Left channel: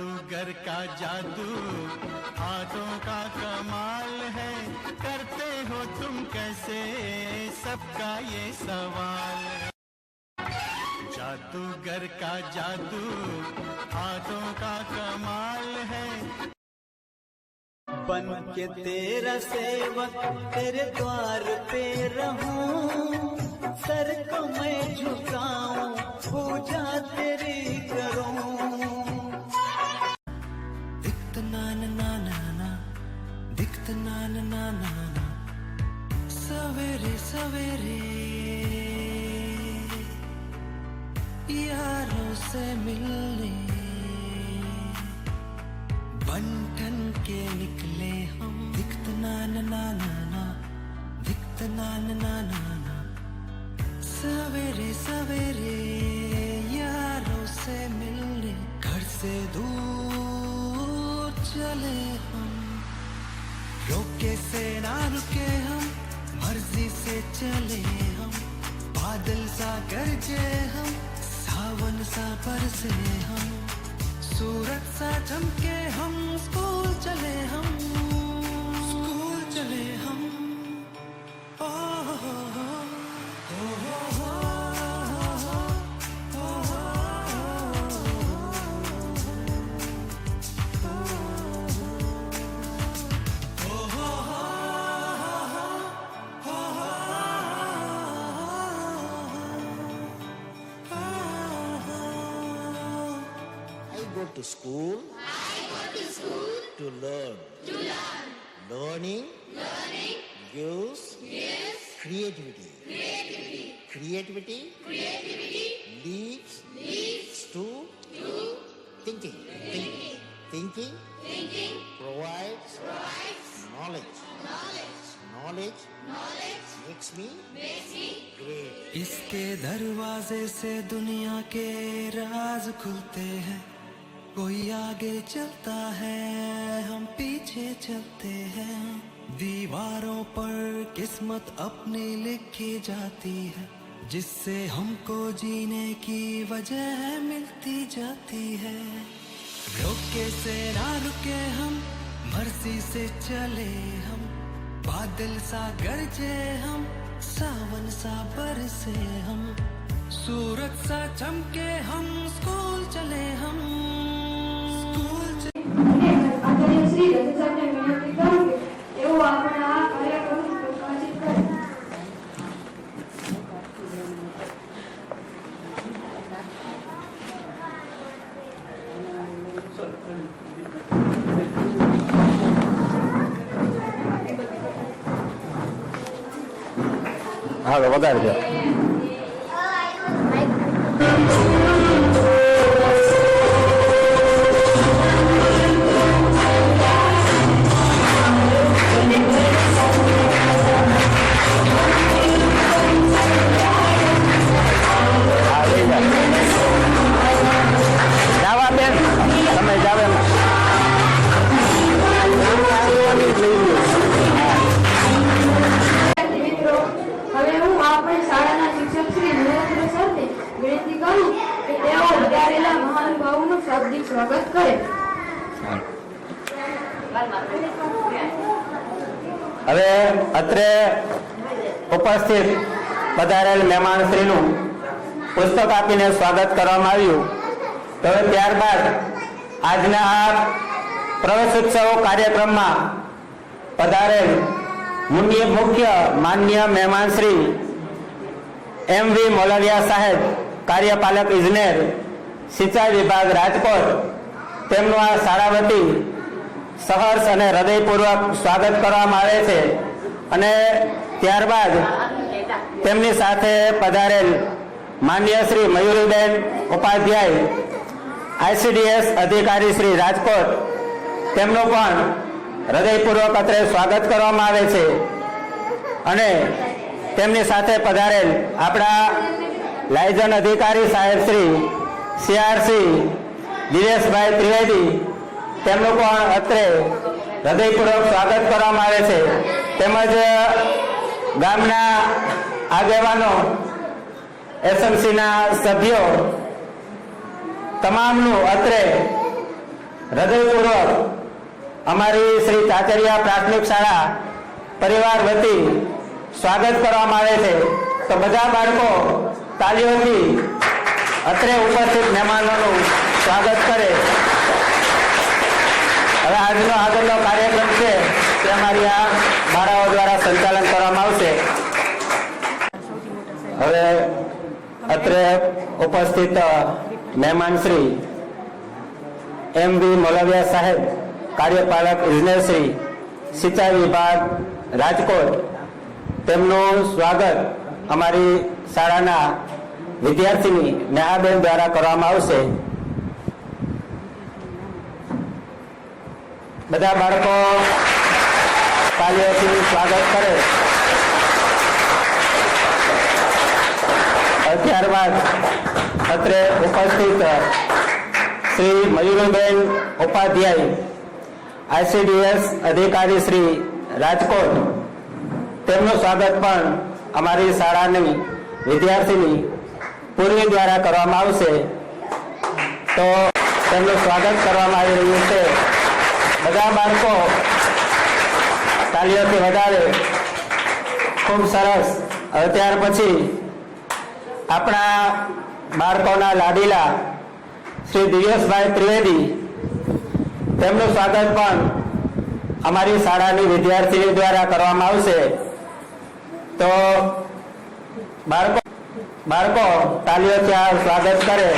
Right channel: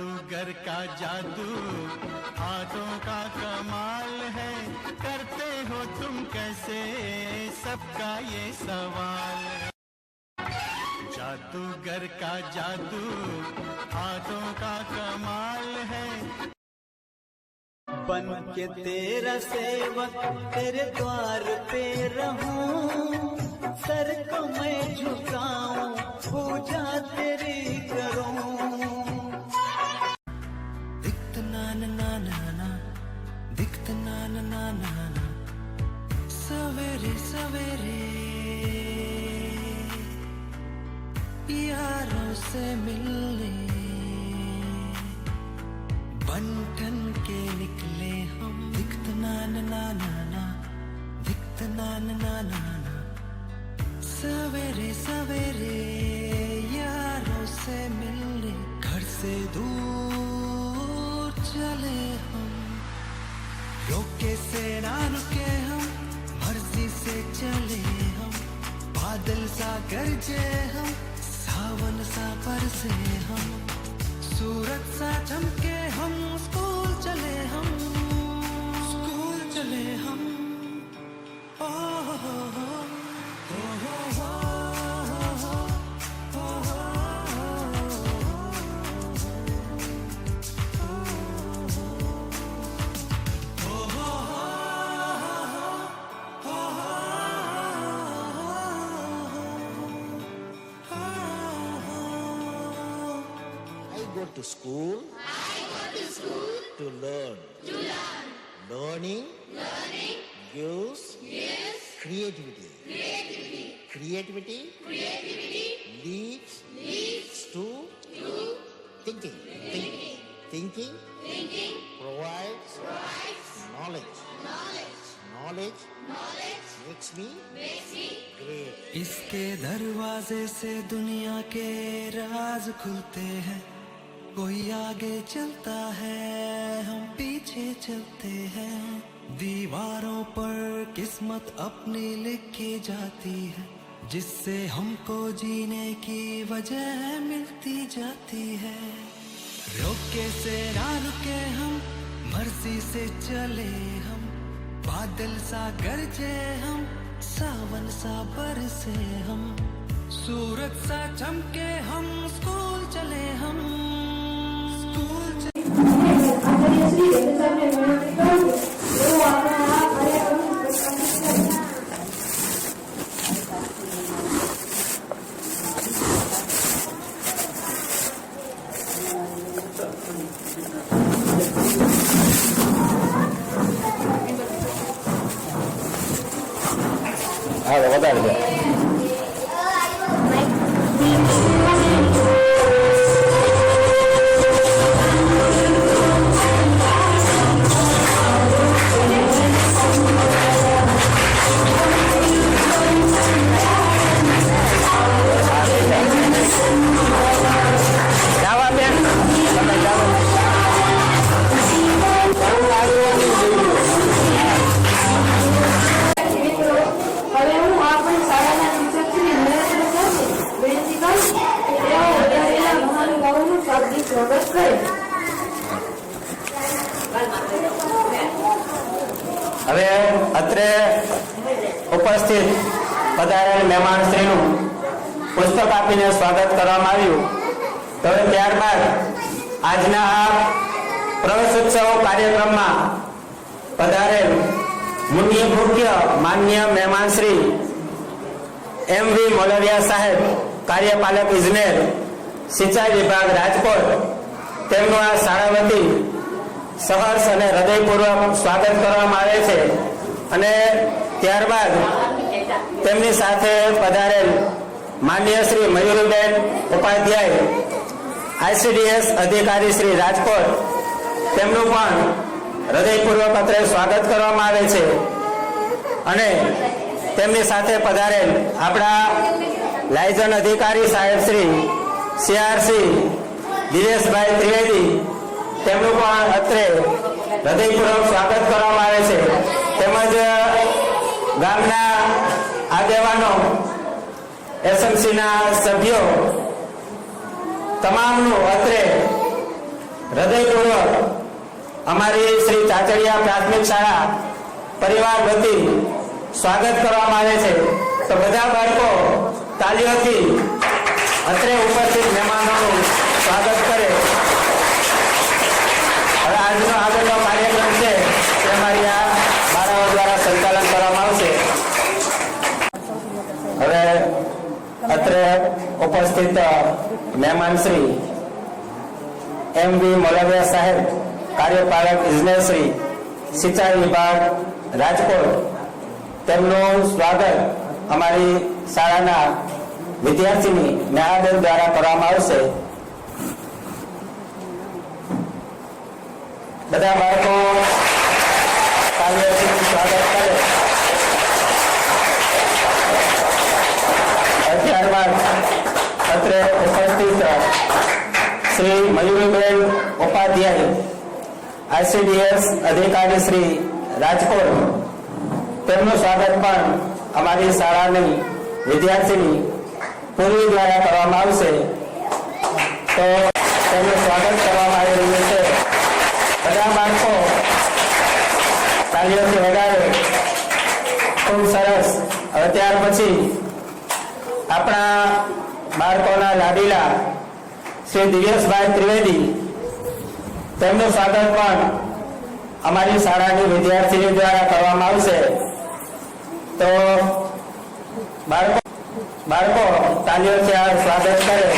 जादूगर का जादू हाथों का कमाल है, करते हो तुम कैसे, सबका ये सवाल है। जादूगर का जादू हाथों का कमाल है। बन के तेरा सेवक तेरे द्वार पे रहूं, सर को मैं झुकाऊं, पूजा तेरी करूं। दिखत ना ना ना ना ना, दिखत ना ना ना ना ना, सवेरे सवेरे यारों से मिलने बंठन के निकले हम। दिखत ना ना ना ना ना, दिखत ना ना ना ना ना, सवेरे सवेरे यारों से मिलने घर से दूर चले हम। रोके से ना रुके हम, मर्जी से चले हम। बादल सा गरजे हम, सावन सा बरसे हम। सूरज सा चमके हम, स्कूल चले हम, स्कूल चले हम। ओ हो हो हो हो हो go to school. I go to school To learn. to learn. Learning Learning gives gives creativity. creativity. Creativity Creativity leads leads to to thinking. thinking. Thinking Thinking provides provides knowledge. knowledge. Knowledge Knowledge makes me makes me great. इसके दरवाजे से दुनिया के राज खुलते हैं। कोई आगे चलता है, हम पीछे चलते हैं। दीवारों पर किस्मत अपनी लिखी जाती है, जिससे हमको जीने की वजह मिलती जाती है। रोके से ना रुके हम, मर्जी से चले हम। बादल सा गरजे हम, सावन सा बरसे हम। सूरज सा चमके हम, स्कूल चले हम, स्कूल હા વધારે છે. જાવા બેન તમે જાઓ. હવે હું આપણી શાળાના શિક્ષક શ્રી નરેન્દ્ર સરને વિનંતી કરું કે તેઓ વધારેલા મહાનુભાવોનું શાબ્દિક સ્વાગત કરે. હવે અત્રે ઉપસ્થિત પધારેલ મહેમાનશ્રીનું પુસ્તક આપીને સ્વાગત કરવામાં આવ્યું. તો ત્યારબાદ આજના આ પ્રવેશ ઉત્સવ કાર્યક્રમમાં પધારેલ મુખ્ય માનનીય મહેમાન શ્રી એમ.વી. મોલવિયા સાહેબ, કાર્યપાલક ઇજનેર, સિંચાઈ વિભાગ રાજકોટ, તેમનું આ શાળા વતી સહર્ષ અને હૃદયપૂર્વક સ્વાગત કરવામાં આવે છે. અને ત્યારબાદ તેમની સાથે પધારેલ માનનીય શ્રી મયુરીબેન ઉપાધ્યાય, ICDS અધિકારી શ્રી રાજકોટ, તેમનું પણ હૃદયપૂર્વક અત્રે સ્વાગત કરવામાં આવે છે. અને તેમની સાથે પધારેલ આપણા લાયઝન અધિકારી સાહેબ શ્રી CRC દિનેશભાઈ ત્રિવેદી, તેમનું પણ અત્રે હૃદયપૂર્વક સ્વાગત કરવામાં આવે છે. તેમજ ગામના આગેવાનો, SMCના સભ્યો તમામનું અત્રે હૃદયપૂર્વક અમારી શ્રી ચાચડિયા પ્રાથમિક શાળા પરિવાર વતી સ્વાગત કરવામાં આવે છે. તો બધા બાળકો તાલીઓથી અત્રે ઉપસ્થિત મહેમાનોનું સ્વાગત કરે. હવે આજનો આગળનો કાર્યક્રમ છે તે અમારી આ બાળાઓ દ્વારા સંચાલન કરવામાં આવશે. હવે અત્રે ઉપસ્થિત મહેમાન શ્રી એમ.વી. મોલવિયા સાહેબ, કાર્યપાલક ઇજનેર શ્રી સિંચાઈ વિભાગ રાજકોટ, તેમનું સ્વાગત અમારી શાળાના વિદ્યાર્થીની નેહાબેન દ્વારા કરવામાં આવશે. બધા બાળકો તાલીઓથી સ્વાગત કરે. ત્યારબાદ અત્રે ઉપસ્થિત શ્રી મયુરીબેન ઉપાધ્યાય, ICDS અધિકારી શ્રી રાજકોટ, તેમનું સ્વાગત પણ અમારી શાળાની વિદ્યાર્થીની પૂર્વી દ્વારા કરવામાં આવશે. તો તેમનું સ્વાગત કરવામાં આવી રહ્યું છે. બધા બાળકો તાલીઓથી વગાડે. ખૂબ સરસ. હવે ત્યાર પછી આપણા બાળકોના લાડીલા શ્રી દિવ્યેશભાઈ ત્રિવેદી, તેમનું સ્વાગત પણ અમારી શાળાની વિદ્યાર્થીની દ્વારા કરવામાં આવશે. તો બાળકો તાલીઓથી આ સ્વાગત કરે.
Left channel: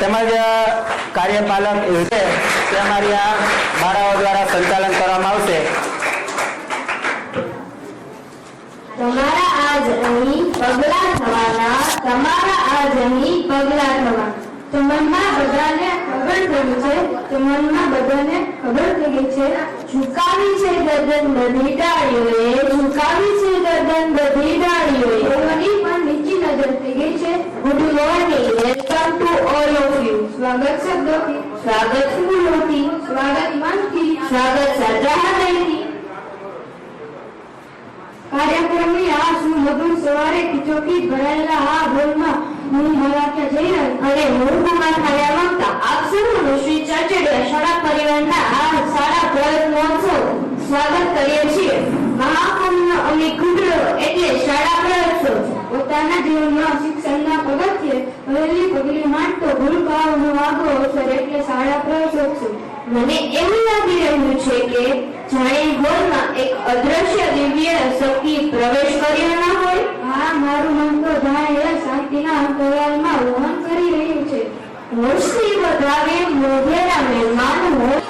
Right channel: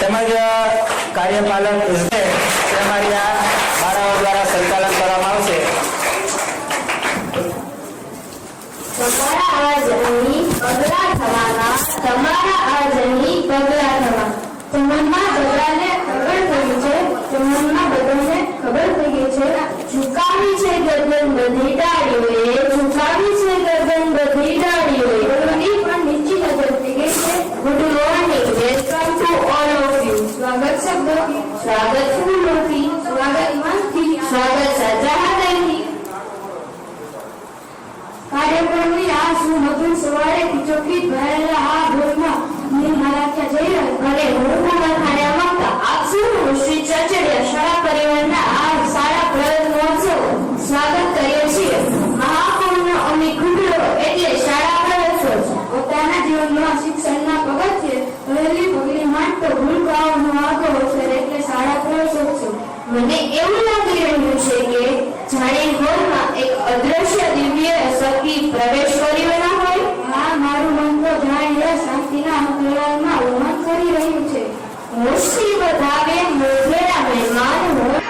તેમજ કાર્યપાલક ઇજનેર તે અમારી આ બાળાઓ દ્વારા સંચાલન કરવામાં આવશે. તમારા આજ અહીં પગલા થવાના, તમારા આજ અહીં પગલા થવા. તમારા બધાને ખબર પડી છે, તમારા બધાને ખબર પડી છે. ઝુકાવી છે ગરદન બધી ડાળીઓએ, ઝુકાવી છે ગરદન બધી ડાળીઓએ. બોલવાની પણ નીચી નજર થઈ ગઈ છે. Good morning, welcome to all of you. સ્વાગત શબ્દો, સ્વાગત ફૂલોથી, સ્વાગત મનથી, સ્વાગત સાચા હૃદયથી. કાર્યક્રમની આ સુમધુર સવારે ખીચોખીચ ભરાયેલા આ ભોજમાં હું મારા ત્યાં જઈ રહ્યો અને હું તમારા ખાયા માંગતા આપ સૌનું શ્રી ચાચડિયા શાળા પરિવારના આ સારા પ્રયત્નોત્સવ સ્વાગત કરીએ છીએ. મહાકુંભનો અમી કુંડળો એટલે શાળા પ્રયોત્સવ. પોતાના જીવનમાં શિક્ષણના પગથિયે પહેલી પગલી માંડતો ભૂલકાઓનો આગો અવસર એટલે શાળા પ્રયોત્સવ. મને એવું લાગી રહ્યું છે કે જાણે હોલમાં એક અદ્રશ્ય દિવ્ય શક્તિ પ્રવેશ કર્યો ના હોય. હા, મારું મન તો જાણે શાંતિના અંતરાલમાં વહન કરી રહ્યું છે. હોશથી વધાવે મોઢેરા મહેમાન હોય.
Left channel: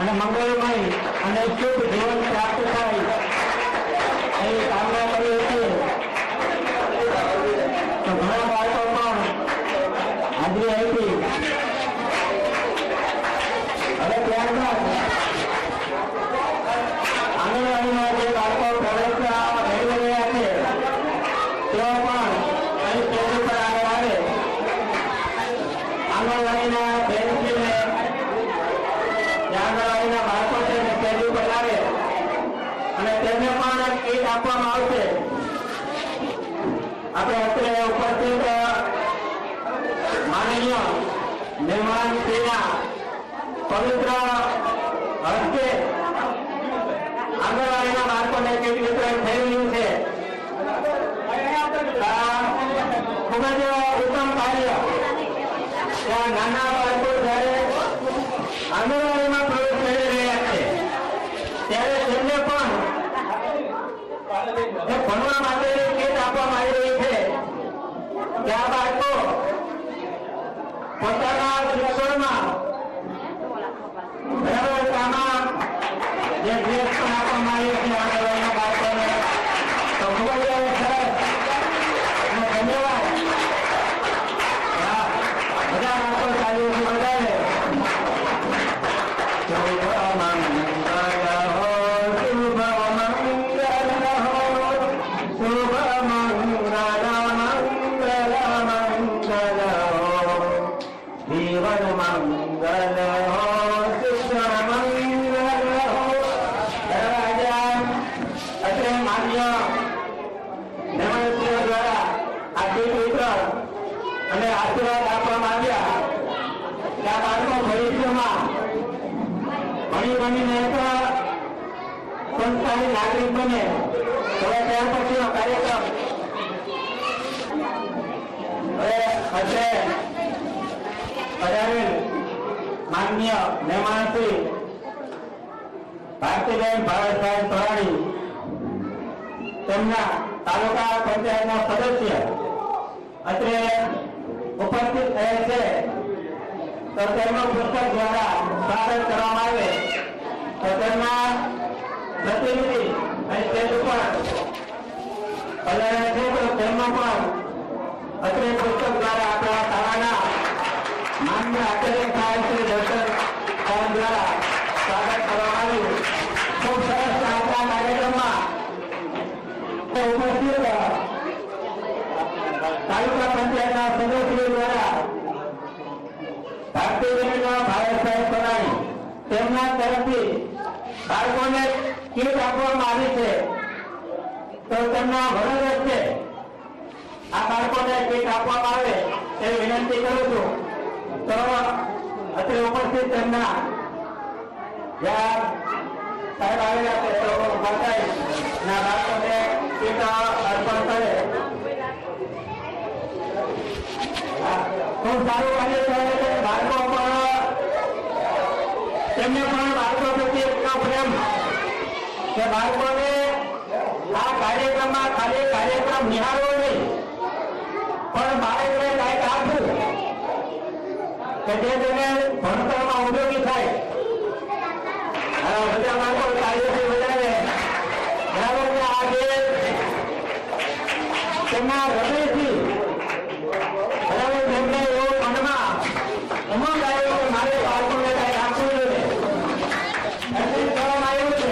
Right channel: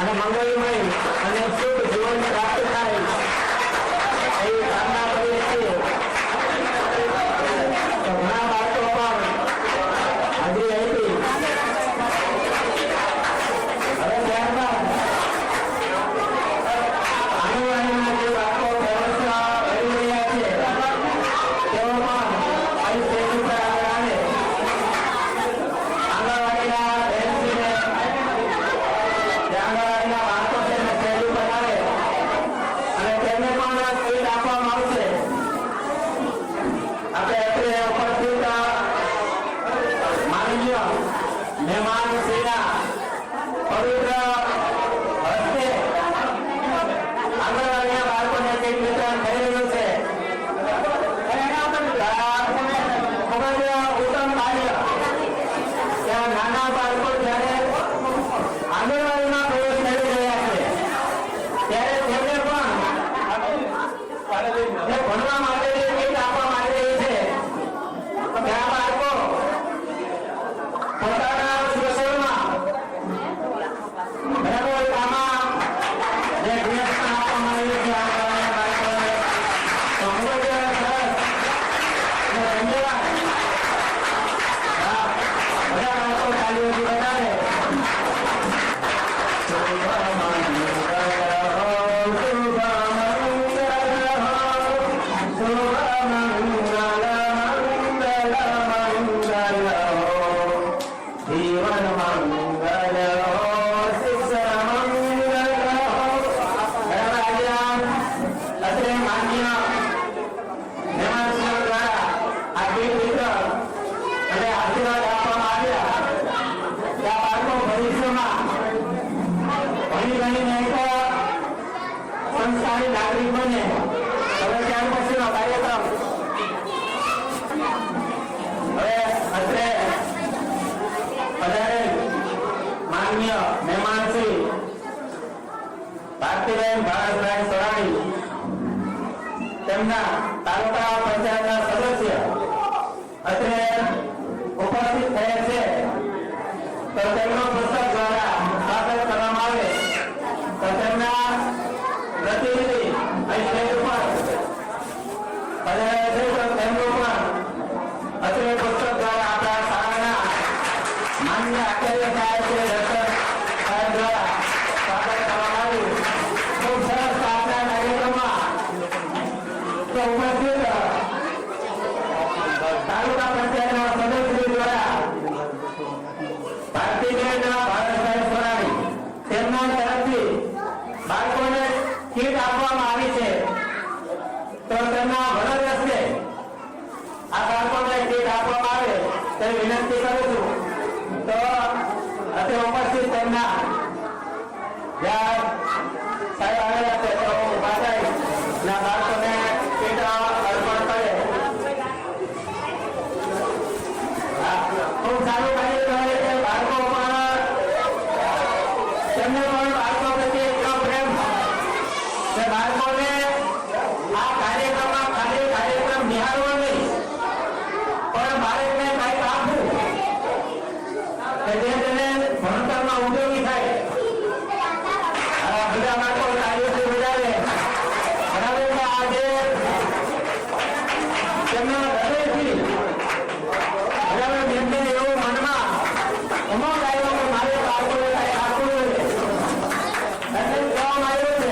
અને મંગળમય અને શુભ જીવન પ્રાપ્ત થાય એવી કામના કરીએ છીએ. તો ઘણા બાળકો પણ હાજરી આપી. હવે ત્યારબાદ આંગણવાડીમાં જે બાળકો પ્રવેશ મેળવી રહ્યા છે તેઓ પણ અહીં સ્ટેજ ઉપર આગળ આવે. આંગણવાડીના બેન છે ને આંગણવાડીના બાળકો છે ને સ્ટેજ ઉપર આવે અને તેમને પણ કીટ આપવામાં આવશે. આપણે અત્રે ઉપસ્થિત માનનીય મહેમાન શ્રીના પવિત્ર હસ્તે આંગણવાડીના બાળકોને કીટ વિતરણ થઈ રહ્યું છે. ખૂબ જ ઉત્તમ કાર્ય. ત્યાં નાના બાળકો જ્યારે આંગણવાડીમાં પ્રવેશ મેળવી રહ્યા છે ત્યારે તેમને પણ ભણવા માટેની કીટ આપવામાં આવી રહી છે. ત્યાં બાળકો પોતાના શિક્ષણમાં બરાબર કામમાં જે ડ્રેસ પણ આપવામાં આવી છે આંગણવાડીના બાળકોને, તો ખૂબ જ સરસ અને ધન્યવાદ. બધા બાળકો ચાલીઓથી વધારે સંસ્થાની નાગરિક બને. હવે ત્યાર પછીનો કાર્યક્રમ હવે અત્રે પધારેલ માનનીય મહેમાન શ્રી ભારતીબેન ભારતભાઈ સોરાણી તેમના તાલુકા પંચાયતના સદસ્ય અત્રે ઉપસ્થિત થયેલ છે. તો તેમનો પુસ્તક દ્વારા સ્વાગત કરવામાં આવે. તો તેમના પ્રતિનિધિ અહીં સ્ટેજ ઉપર પધાર્યા છે. તો તેમનો પણ અત્રે પુસ્તક દ્વારા આપણા શાળાના માન્ય આચાર્ય સાહેબ શ્રી દર્શન સાહેબ દ્વારા સ્વાગત કરવામાં આવ્યું. ખૂબ સરસ આજના કાર્યક્રમમાં ઉપસ્થિત તાલુકા પંચાયતના સદસ્ય દ્વારા ભારતીબેન ભારતભાઈ સોરાણી તેમના તરફથી બાળકોને કીટ આપવામાં આવી છે. તો તેમના વરદ હસ્તે આ બાળકોને કીટ આપવામાં આવે તેવી વિનંતી કરું છું. તો અત્રે ઉપસ્થિત તેમના જ્યાં સાહેબ આવેલા છે તો માતાઈ ના બાળકોને કીટ અર્પણ કરે. ખૂબ સારું કાર્ય કરે છે. બાળકો પણ તેમને પણ બાળકો પ્રત્યે એટલો પ્રેમ કે બાળકોને આ કાર્યક્રમમાં ખાલી કાર્યક્રમ નિહાળવો નહીં પણ બાળકને કંઈક આપવું કે જે તેને ભણતરમાં ઉપયોગી થાય. બધા બાળકો કાર્યથી વધારે બરાબર આજે તેમના હૃદયથી બરાબર તેમને એવું મનમાં ઉમંગ આવ્યો કે મારે બાળકોને કંઈક આપવું જોઈએ. કહેવામાં આવ્યું છે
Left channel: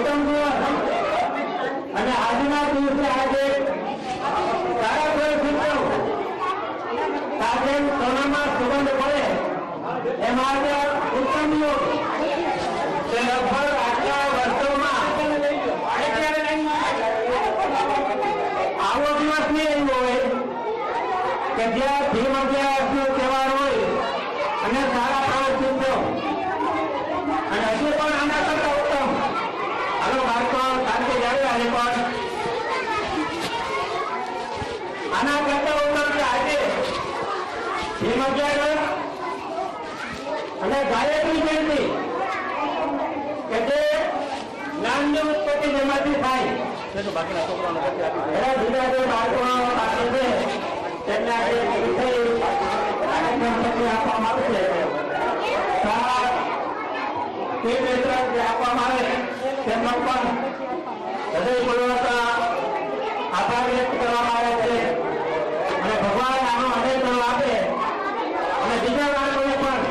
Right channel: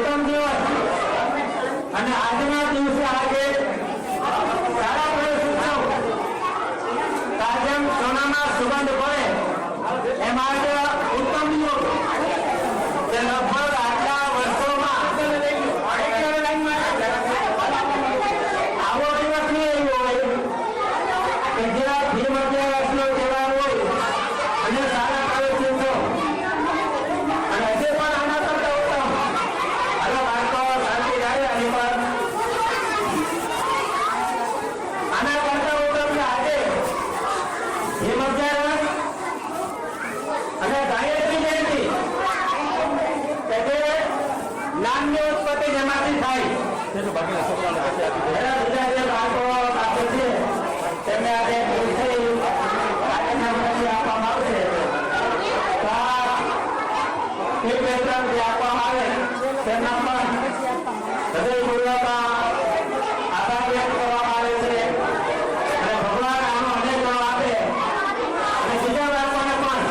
ઉત્તમ દિવસ અને આજના દિવસે આજે સારા પરિસ્થિતિઓ જેમ સોનામાં સુગંધ પડે એમ આજે ઉત્તમ યુગ જે લગભગ આટલા વર્ષોમાં આવો દિવસ નહીં હોય કે જ્યાં ભીમ અગિયારસનો તહેવાર હોય અને સારા પરિસ્થિતિઓ અને હજી પણ આના કરતા ઉત્તમ. હાલો બાળકો શાંતિ જાય અને પણ આના કરતા ઉત્તમ આજે ભીમ અગિયારસ અને ગાયત્રી જયંતિ એટલે જ્ઞાનની ઉત્પત્તિ જેમાંથી થાય બીજા જે બાળકો પાસે છે તેમને આજે આપવામાં આવશે તે વેતન જે આપવામાં આવે તેમનો પણ હૃદયપૂર્વક આભાર વ્યક્ત કરવામાં આવે છે અને ભગવાન આનો અનેક આપે અને બીજા બાળકોને પણ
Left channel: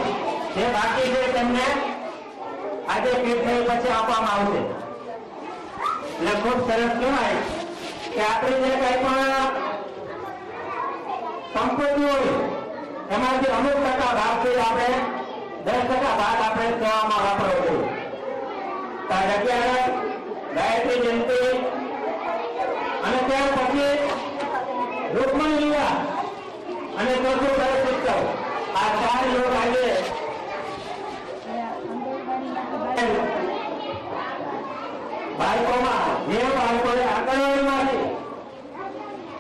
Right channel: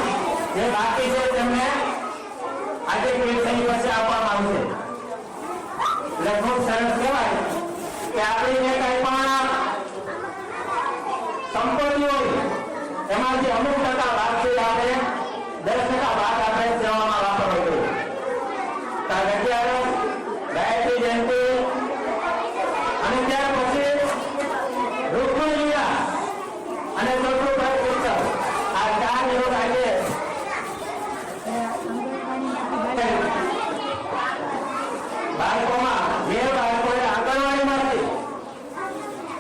જે બાકી છે તેમને આજે પીરસણી પછી આપવામાં આવશે. એટલે ખૂબ સરસ કહેવાય કે આપણી જે કઈ પણ સંપત્તિ હોય એમાંથી અમુક ટકા ભાગ છે આપણે 10% ભાગ આપણે સેવામાં વાપરવો જોઈએ. અત્યારે ગાયત્રી જયંતિ અને ત્યાર પછી રૂકમણી લીલા અને ચોથું ઉત્સવ આ 4 લોક આજે બાળકોમાં જે બાળકોને આંગણવાડીમાંથી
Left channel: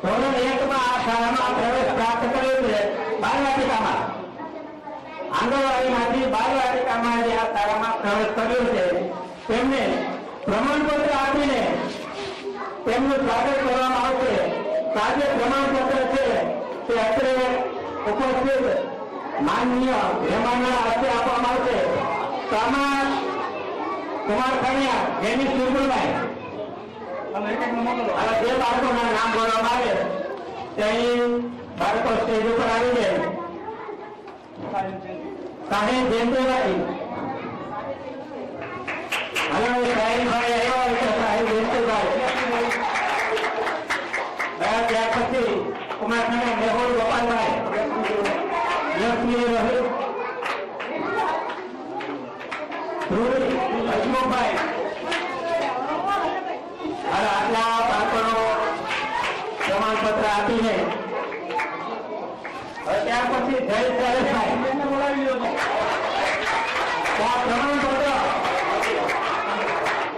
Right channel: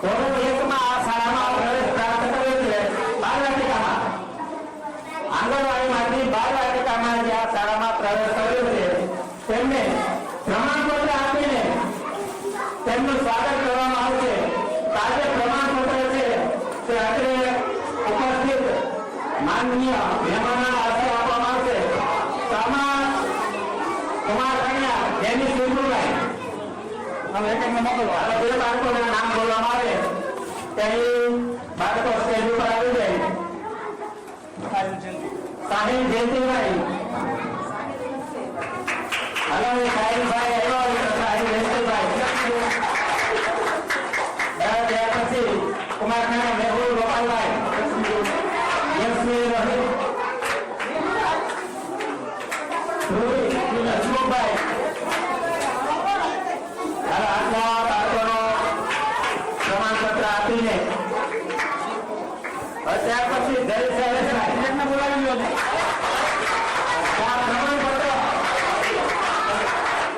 ધોરણ 1 માં આ શાળામાં પ્રવેશ પ્રાપ્ત કર્યો છે બાળવાટિકામાં આંગણવાડીમાંથી બાળવાટિકામાં જે આ શાળામાં પ્રવેશ કર્યો છે તેમને પ્રમાણપત્ર આપીને તેમનું સ્વાગત કરવામાં આવશે. આજે પ્રમાણપત્ર છે તે અત્રે ઉપસ્થિત માનનીય મહેમાનોના હસ્તે આપવામાં આવશે. તો આમાં કુમાર કન્યા જેની સુરભાઈ અને જે બાળકોના નામ બોલવામાં આવે ત્યાં બાળકો સ્ટેજ ઉપર આવી જાય. સાહેબ જયંતિભાઈ હલો સાહેબભાઈ આવ્યો હોય તો સાહેબ જયંતિભાઈ ત્યાર પછી કુમાર કન્યા મેહુલ ગોપાલભાઈ યશવી રોહિત હસમુખભાઈ આટલા બાળકોનો પ્રમાણપત્ર આપીને ત્યાર પછી જય શૈલેષભાઈ બોલાવી લો પ્રમાણપત્ર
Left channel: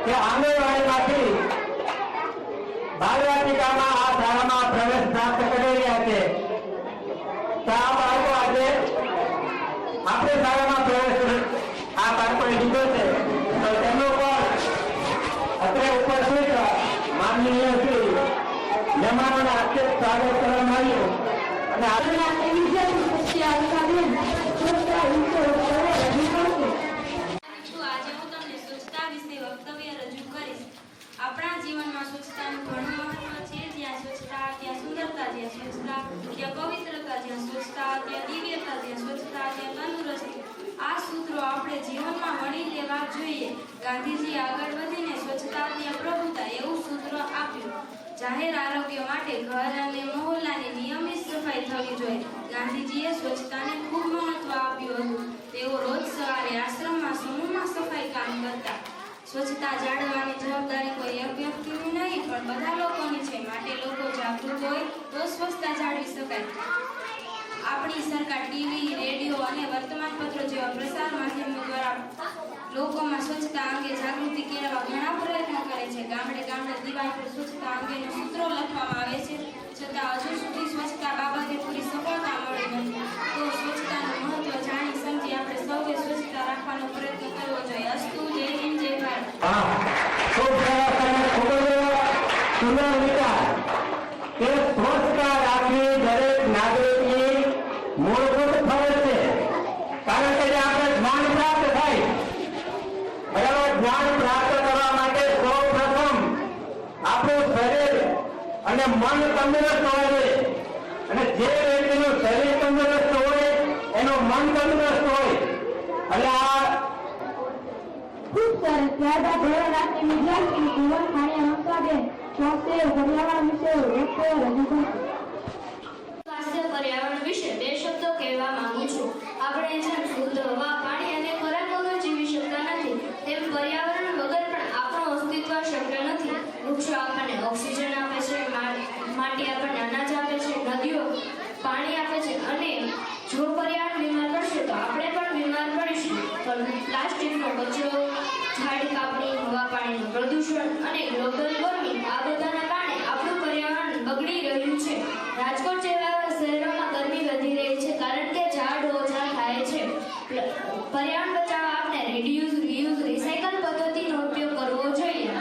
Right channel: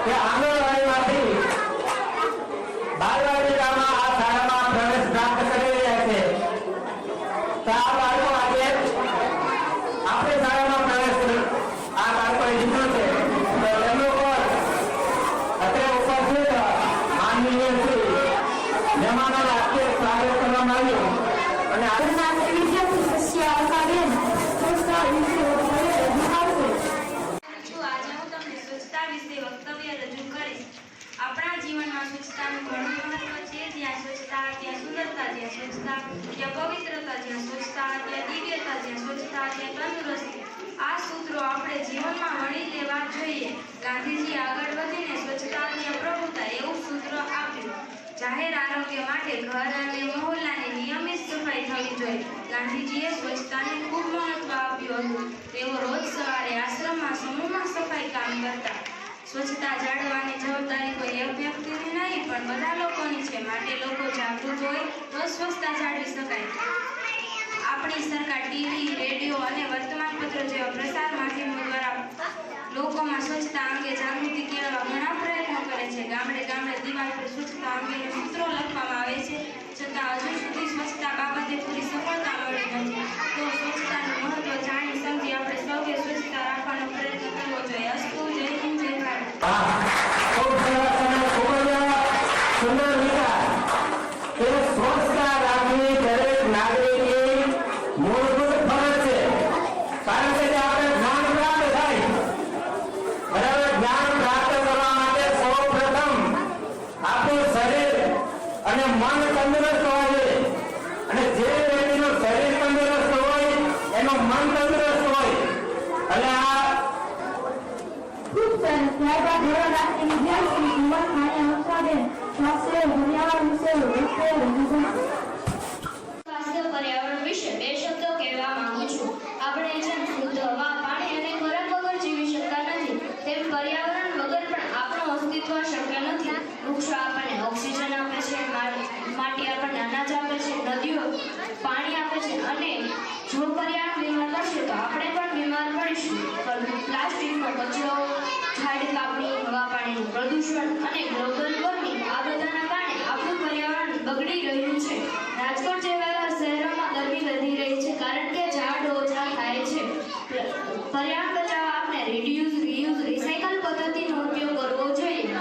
કે આંગણવાડીમાંથી બાળવાટિકામાં આ શાળામાં પ્રવેશ પ્રાપ્ત કરી રહ્યા છે. તો આ બાળકો આજે આપણી શાળામાં પ્રવેશ આ બાળકોએ લીધો છે. તો તેમનું પણ અત્યારે ઉપસ્થિત માનનીય શ્રી મહેમાનોને હાથે સ્વાગત કરવામાં આવ્યું અને આજના વિદ્યાર્થી સસ્યાવકાબેન સ્વચ્છતા વિશે રજૂ કરશે. આજે હું તમને સ્વચ્છતા વિશે વક્તવ્ય રજૂ કરીશ. આપણા જીવનમાં સ્વચ્છતાનું ઘણું મહત્વ છે. જ્યાં સ્વચ્છતા ત્યાં સુંદરતા, જ્યાં સ્વચ્છતા ત્યાં પવિત્રતા, જ્યાં સ્વચ્છતા ત્યાં દિવ્યતા, જ્યાં સ્વચ્છતા ત્યાં તંદુરસ્તી. આ સૂત્રો આપણે જીવનમાં વણી લેવા જોઈએ. ગાંધીજી આગળ વધીને સ્વચ્છતા ત્યાં પ્રભુતા એવું સૂત્ર આપ્યું. જાહેર આરોગ્ય માટે ઘર અને મહોલ્લાની નિયમિત સફાઈ થવી જોઈએ. ગાંધીજીએ સ્વચ્છતાને ખૂબ મહત્વ આપ્યું હતું. તેઓ રોજ સવારે આશ્રમમાં સમૂહમાં સફાઈ કામ કરતા. સ્વચ્છતા જાળવવાની જવાબદારી કોઈ એક વ્યક્તિની નહીં પણ બધા લોકોની છે. માટે લોકો જાગૃત હોય તો સ્વચ્છતા જાળવી શકાય. આપણી સરકાર ટીવી, રેડિયો અને વર્તમાનપત્રો જેવા પ્રસાર માધ્યમો દ્વારા લોકોમાં સ્વચ્છતા અંગે જાગૃતિ કેળવવા ઘણા પ્રયત્નો કરે છે. ગામડે ગામડે દિવાલ પર સ્વચ્છતા અંગેના સૂત્રો લખવામાં આવે છે, છતાં હજુ સુધી સ્વચ્છતા બાબતે પૂરી સફળતા મળી નથી. તો સ્વચ્છતાનું મહત્વ જાણી સમજી આપણે સૌએ સ્વચ્છતા રાખવાનો પ્રયત્ન કરવો જોઈએ. અસ્તુ. જય હિન્દ, જય ભારત. ખૂબ સરસ અને ખૂબ જ સુંદર વિચાર કે સ્વચ્છતા રાખવી દરેક નાગરિકની મૂળભૂત ફરજ છે. કારણ કે આપણે જ્ઞાન પ્રાપ્ત થાય બરાબર. જ્ઞાન પ્રાપ્ત કરવા માટે સૌ પ્રથમ આપણું શરીર અને મન તંદુરસ્ત હોવા જોઈએ. અને જે વ્યક્તિનું શરીર તંદુરસ્ત હોય એનું મન તંદુરસ્ત હોય એટલે આ ખૂબ સરસ. ત્યારબાદ ધોરણ 8 વિદ્યાર્થી કુમાર ખાણી મમતાબેન પાસે પર્યાવરણ વિશે રજૂ કરશે. સ્વાસ્થ્ય પર્યાવરણ વિશે બે શબ્દો કહેવા માંગુ છું. આપણે જેમ શુદ્ધ હવા, પાણી અને ખોરાક વગર જીવી શકતા નથી, તેમ પર્યાવરણ વગર પણ આપણું અસ્તિત્વ શક્ય નથી. વૃક્ષો આપણને ઓક્સિજન આપે છે, માટી આપણને અનાજ આપે છે, નદીઓ પાણી આપે છે, અને જો પર્યાવરણ બીમાર પડશે તો આપણે પણ બીમાર પડીશું. પ્લાસ્ટિકનો કચરો, ઝાડ કાપણી, હવા પાણીનું પ્રદૂષણ અને ગ્લોબલ વોર્મિંગ આ બધાના કારણે આપણું પર્યાવરણ બગડી રહ્યું છે. રાજકોટ જેવા શહેરોમાં ગરમી વધી રહી છે કારણ કે ઝાડ ઓછા થાય છે. પર્યાવરણ બચાવવા આપણે રીડ્યુસ, રીયુઝ, રિસાયકલ પદ્ધતિનો ઉપયોગ કરવો જોઈએ.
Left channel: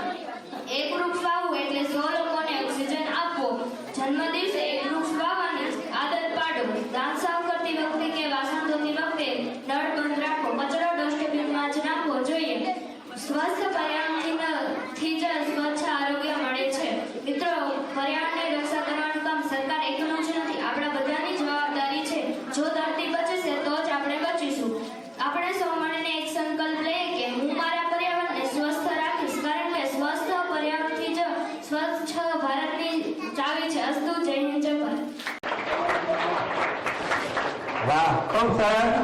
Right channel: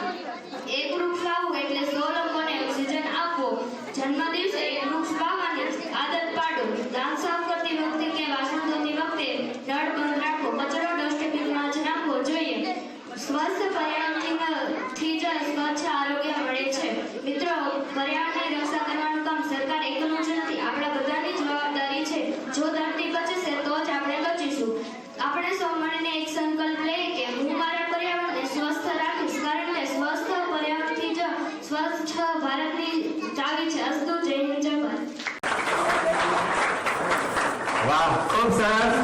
એક વૃક્ષ વાવવું એટલે 100 લોકોને ઓક્સિજન આપવો. જન્મદિવસે એક વૃક્ષ વાવવાની આદત પાડો. દાંત સાફ કરતી વખતે કે વાસણ ધોતી વખતે નળ બંધ રાખો. કચરો ડસ્ટબિનમાં જ નાખવો જોઈએ. સ્વસ્થ પર્યાવરણથી જ સ્વચ્છ આરોગ્ય મળે છે. મિત્રો, પર્યાવરણની રક્ષા કરવાનું કામ સરકાર એકલું જ નથી, આપણા બધાની જવાબદારી છે. જો ધરતી બચશે તો જ આપણે બચીશું. આપણે સૌ મળીને એક સંકલ્પ લઈએ કે હું મારા પર્યાવરણને સ્વસ્થ રાખીશ, કારણ કે સ્વસ્થ પર્યાવરણથી જ સ્વચ્છ ભારતની ચાવી છે. અસ્તુ. જય હિન્દ, જય ભારત. વાહ, ખૂબ સરસ.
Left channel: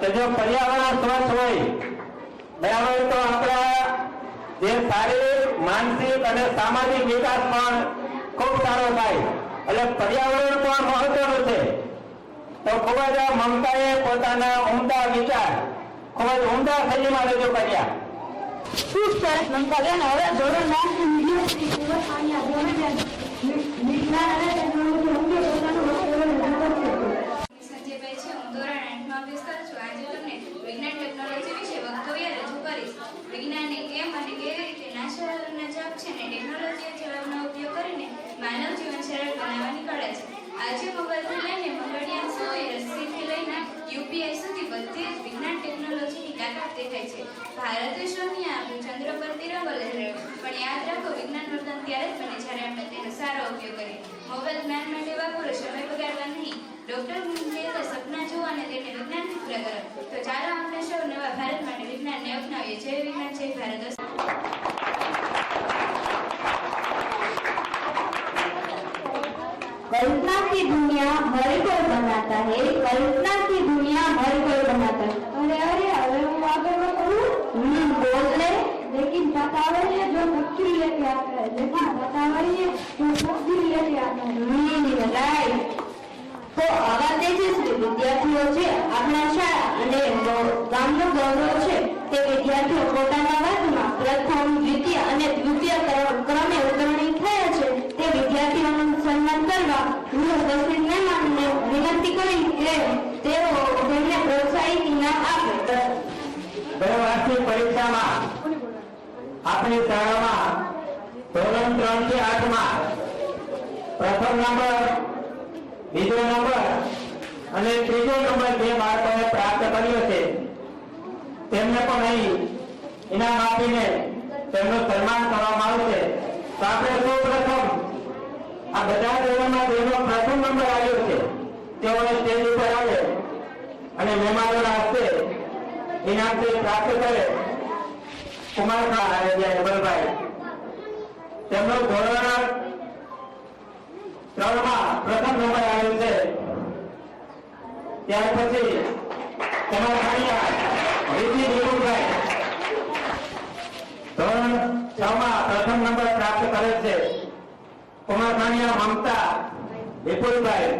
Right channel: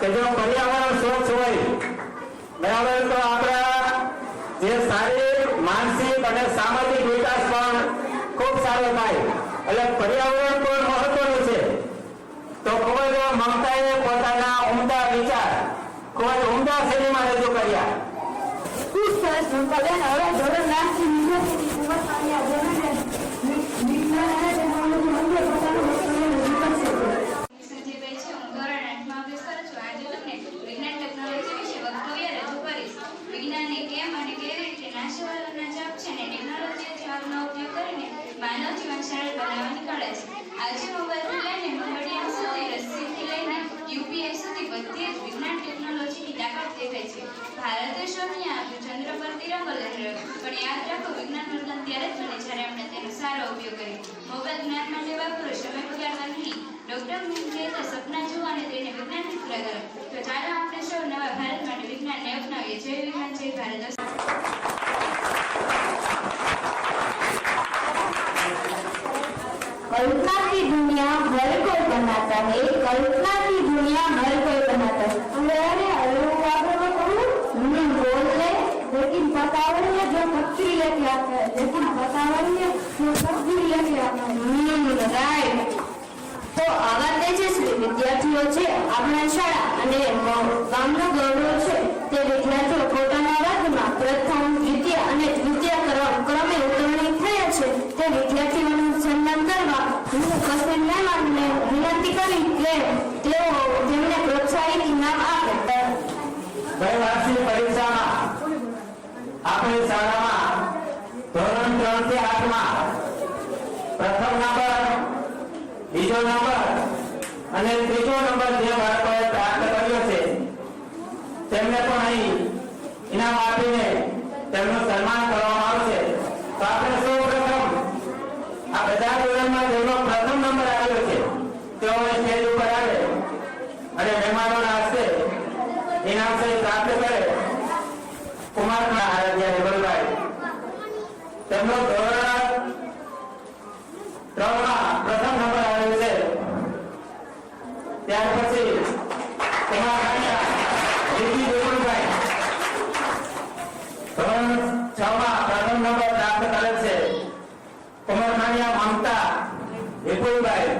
કે જો પર્યાવરણ સ્વચ્છ હોય બરાબર તો આપણા જે શારીરિક, માનસિક અને સામાજિક વિકાસ પણ ખૂબ સારો થાય. એટલે પર્યાવરણ પણ મહત્વનું છે. તો ખૂબ જ મમતાએ પોતાના ઉમદા વિચાર ખૂબ જ ઉમદા શૈલીમાં રજૂ કર્યા. ખૂબ સરસ મમતાબેન. હવે ધોરણ 8 વિદ્યાર્થી કુમાર ખાણી ધોરણે વિજ્ઞાન અને ટેકનોલોજી અંગે પોતાનું વક્તવ્ય રજૂ કરશે. સંજયભાઈ છે. હું ધોરણ 8માં અભ્યાસ કરું છું. આજે તમને વિજ્ઞાન ટેકનોલોજી વિશે વક્તવ્ય રજૂ કરીશ. વિજ્ઞાનને કેમ અને કેવી રીતે નાશવરના જપ છે ને ટેકનોલોજી જેવાનો ઉપયોગ કરીને માનવ જીવન સરળ બનાવવાની કળા છે. આજે મોબાઈલથી લઈને મંગળયાન સુધી, રસીથી લઈને યુપીઆઈ સુધી બધી જ વિજ્ઞાન ટેકનોલોજીની તાકાત દેખાય છે. ભારતે શોધ્યું આપ્યું, ચંદ્ર પર તિરંગો લહેરાવ્યો. પણ યાદ રાખો, વિજ્ઞાન વરદાન ત્યારે જ બને જ્યારે આપણે તેનો સારો ઉપયોગ કરીએ. મોબાઈલ જ્ઞાન માટે વાપરો, સમય બગાડવા નહીં. ડોક્ટર કહેતા સપના જુઓ અને તેને વિજ્ઞાનથી પૂરા કરો. તો ચાલો આપણે સૌ નવા ભારત માટે વિજ્ઞાનને અપનાવીએ. જય વિજ્ઞાન, જય ભારત. कल्पना की दुनिया हर कोई बनाता है, कल्पना की दुनिया हर कोई बनाता है. अरे वो आगे मैं कहूँ बोल ले, लेकिन बतावड़िए जो तकदीर लेके आता है, लेकिन बतावड़िए जो तकदीर लेके आता है. राइट. तो आवा तेजस्वी विद्यार्थीઓ છે આપણા શાળા અને ગામનો ગૌરવ છે. તે વિદ્યાર્થીઓ પોતાના વર્ગમાં પ્રથમ, દ્વિતીય અને તૃતીય ક્રમે ઉત્તીર્ણ થયા છે. તે વિદ્યાર્થીઓનું સન્માન કરવા હું ઉપસ્થિત મહેમાનને વિનંતી કરી કે તેઓ તેમને પ્રોત્સાહિત ઇનામ આપે. ગઈ વાર્ષિક પરીક્ષામાં આપણી શાળામાં ધોરણ 3 થી 8 માં પ્રથમ નંબર, બીજો નંબર અને ત્રીજો નંબર જે બાળકોએ પ્રાપ્ત કર્યો છે તેમને પણ અહીં ઇનામ આપીને તેમનું સન્માન કરવામાં આવશે. તો આપણે સૌ પ્રથમ આ બધા ધોરણમાં જેનો પ્રથમ નંબર આવ્યો છે તેઓને સ્ટેજ ઉપર આવે અને મહેમાનોના હસ્તે ઇનામ પ્રાપ્ત કરે. કુમાર આરાધ્યા જબલભાઈ તેમનો ધોરણ 3 માં પ્રથમ નંબર આવ્યો છે. ત્યાર પછી કુમાર ખાણીયા રીતિ વિપુલભાઈ ધોરણ 6 માં પ્રથમ નંબર પ્રાપ્ત કરેલ છે. કુમાર ખાણીયા મમતા વિપુલભાઈ.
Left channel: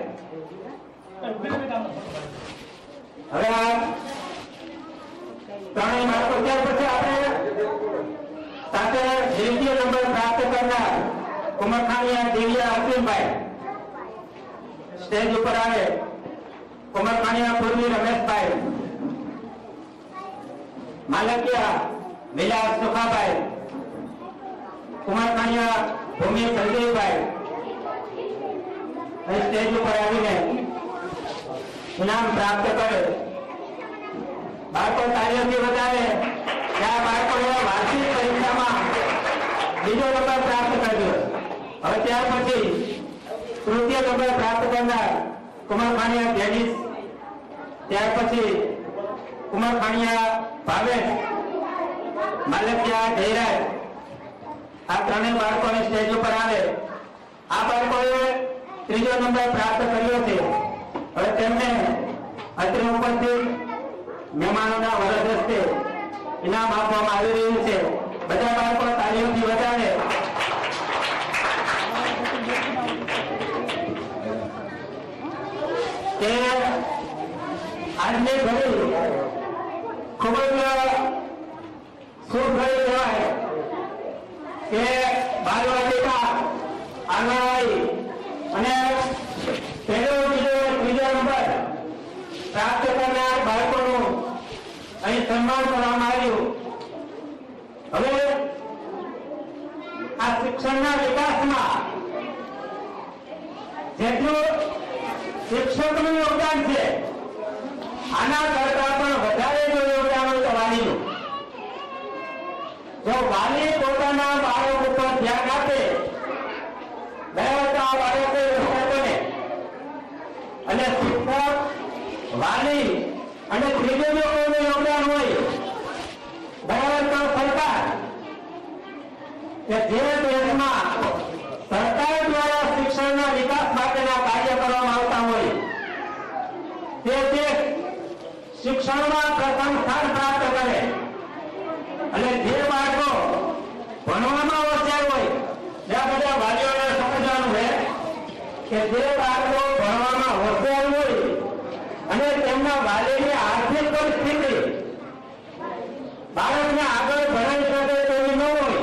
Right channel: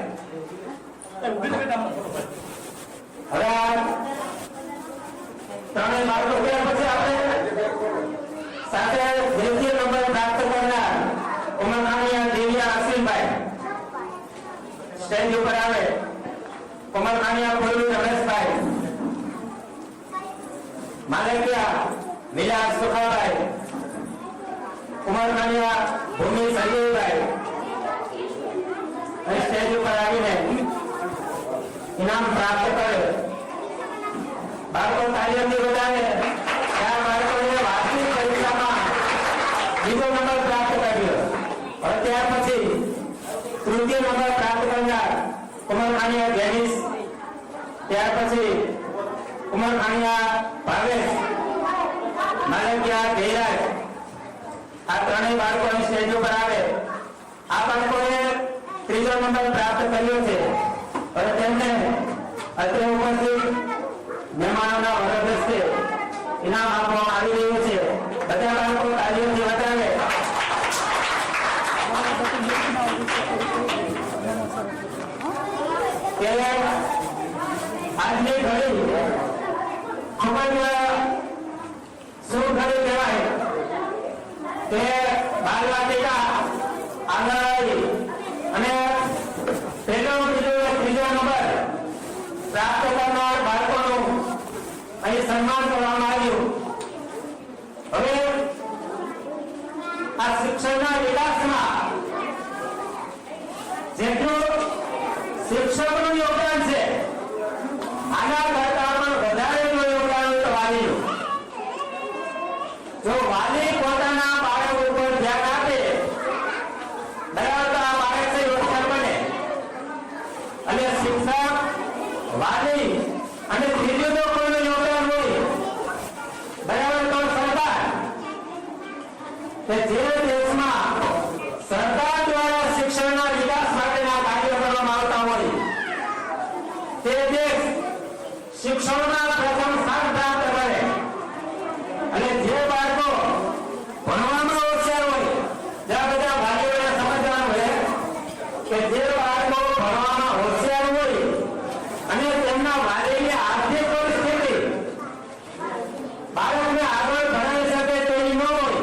હવે ત્રણેય બાળકો ત્યાર પછી આપણે સાથે દ્વિતીય નંબર પ્રાપ્ત કરનાર કુમાર ખાણીયા દિવ્યા અસીમભાઈ સ્ટેજ ઉપર આવે. કુમાર ખાણીયા પૂર્વી રમેશભાઈ, માલકિયા મિલાદ સુખાભાઈ, કુમાર ખાણીયા ભૂમિ સંજયભાઈ અને સ્ટેજ ઉપર આવીને ઇનામ પ્રાપ્ત કરે. બાળકો તાળીઓથી વધારે ત્યાં બાળકોએ વાર્ષિક પરીક્ષામાં બીજો નંબર પ્રાપ્ત કર્યો. હવે ત્યાર પછી તૃતીય નંબર પ્રાપ્ત કરનાર કુમાર ખાણીયા જેનિસ, ત્યાર પછી કુમાર ખાણીયા ભાવેશ માલકિયા, જયરાજ આ ત્રણેય બાળકોની સ્ટેજ ઉપર આવે. આ બાળકોએ 3જો નંબર પ્રાપ્ત કર્યો છે. હવે તેમને અત્રે ઉપસ્થિત મહેમાનોના વરદ હસ્તે ઇનામ આપવામાં આવી રહ્યું છે. બધા બાળકો તાળીઓથી વધારે. કે આજની ઘડી ખૂબ જ શુભ ઘડી કહેવાય કે બાલવાટિકા આંગણવાડી અને પહેલો, બીજો, 3જો નંબર પ્રાપ્ત કરનાર બાળકોનું અહીં સન્માન કરવામાં આવ્યું. હવે આ શિક્ષણના વિકાસમાં જેટલું શિક્ષકનું યોગદાન છે, આના કરતા પણ વધારે જો યોગદાન હોય તો વાલીનું. જો વાલી પોતાના બાળક ઉપર ધ્યાન આપે, બરાબર, તો આ બાળક હોશિયાર બને. અને શિક્ષક, વાલી અને ત્રીજો જો કોઈનું યોગદાન હોય, બરાબર, તો સરકાર. કે જે દેશમાં સરકાર દ્વારા શિક્ષણના વિકાસ માટેના કાર્ય કરવામાં આવતા હોય, તે દેશ શિક્ષણમાં પ્રથમ સ્થાન પ્રાપ્ત કરે. અને જે બાળકો ભણવામાં હોશિયાર હોય, જ્યાં બધા વાલીઓને સમજવાનું હોય કે જે બાળકો ભણવામાં હોશિયાર હોય અને તેમના વાલીની આર્થિક પરિસ્થિતિ બાળકને આગળ ભણાવી શકે તેવી ન હોય,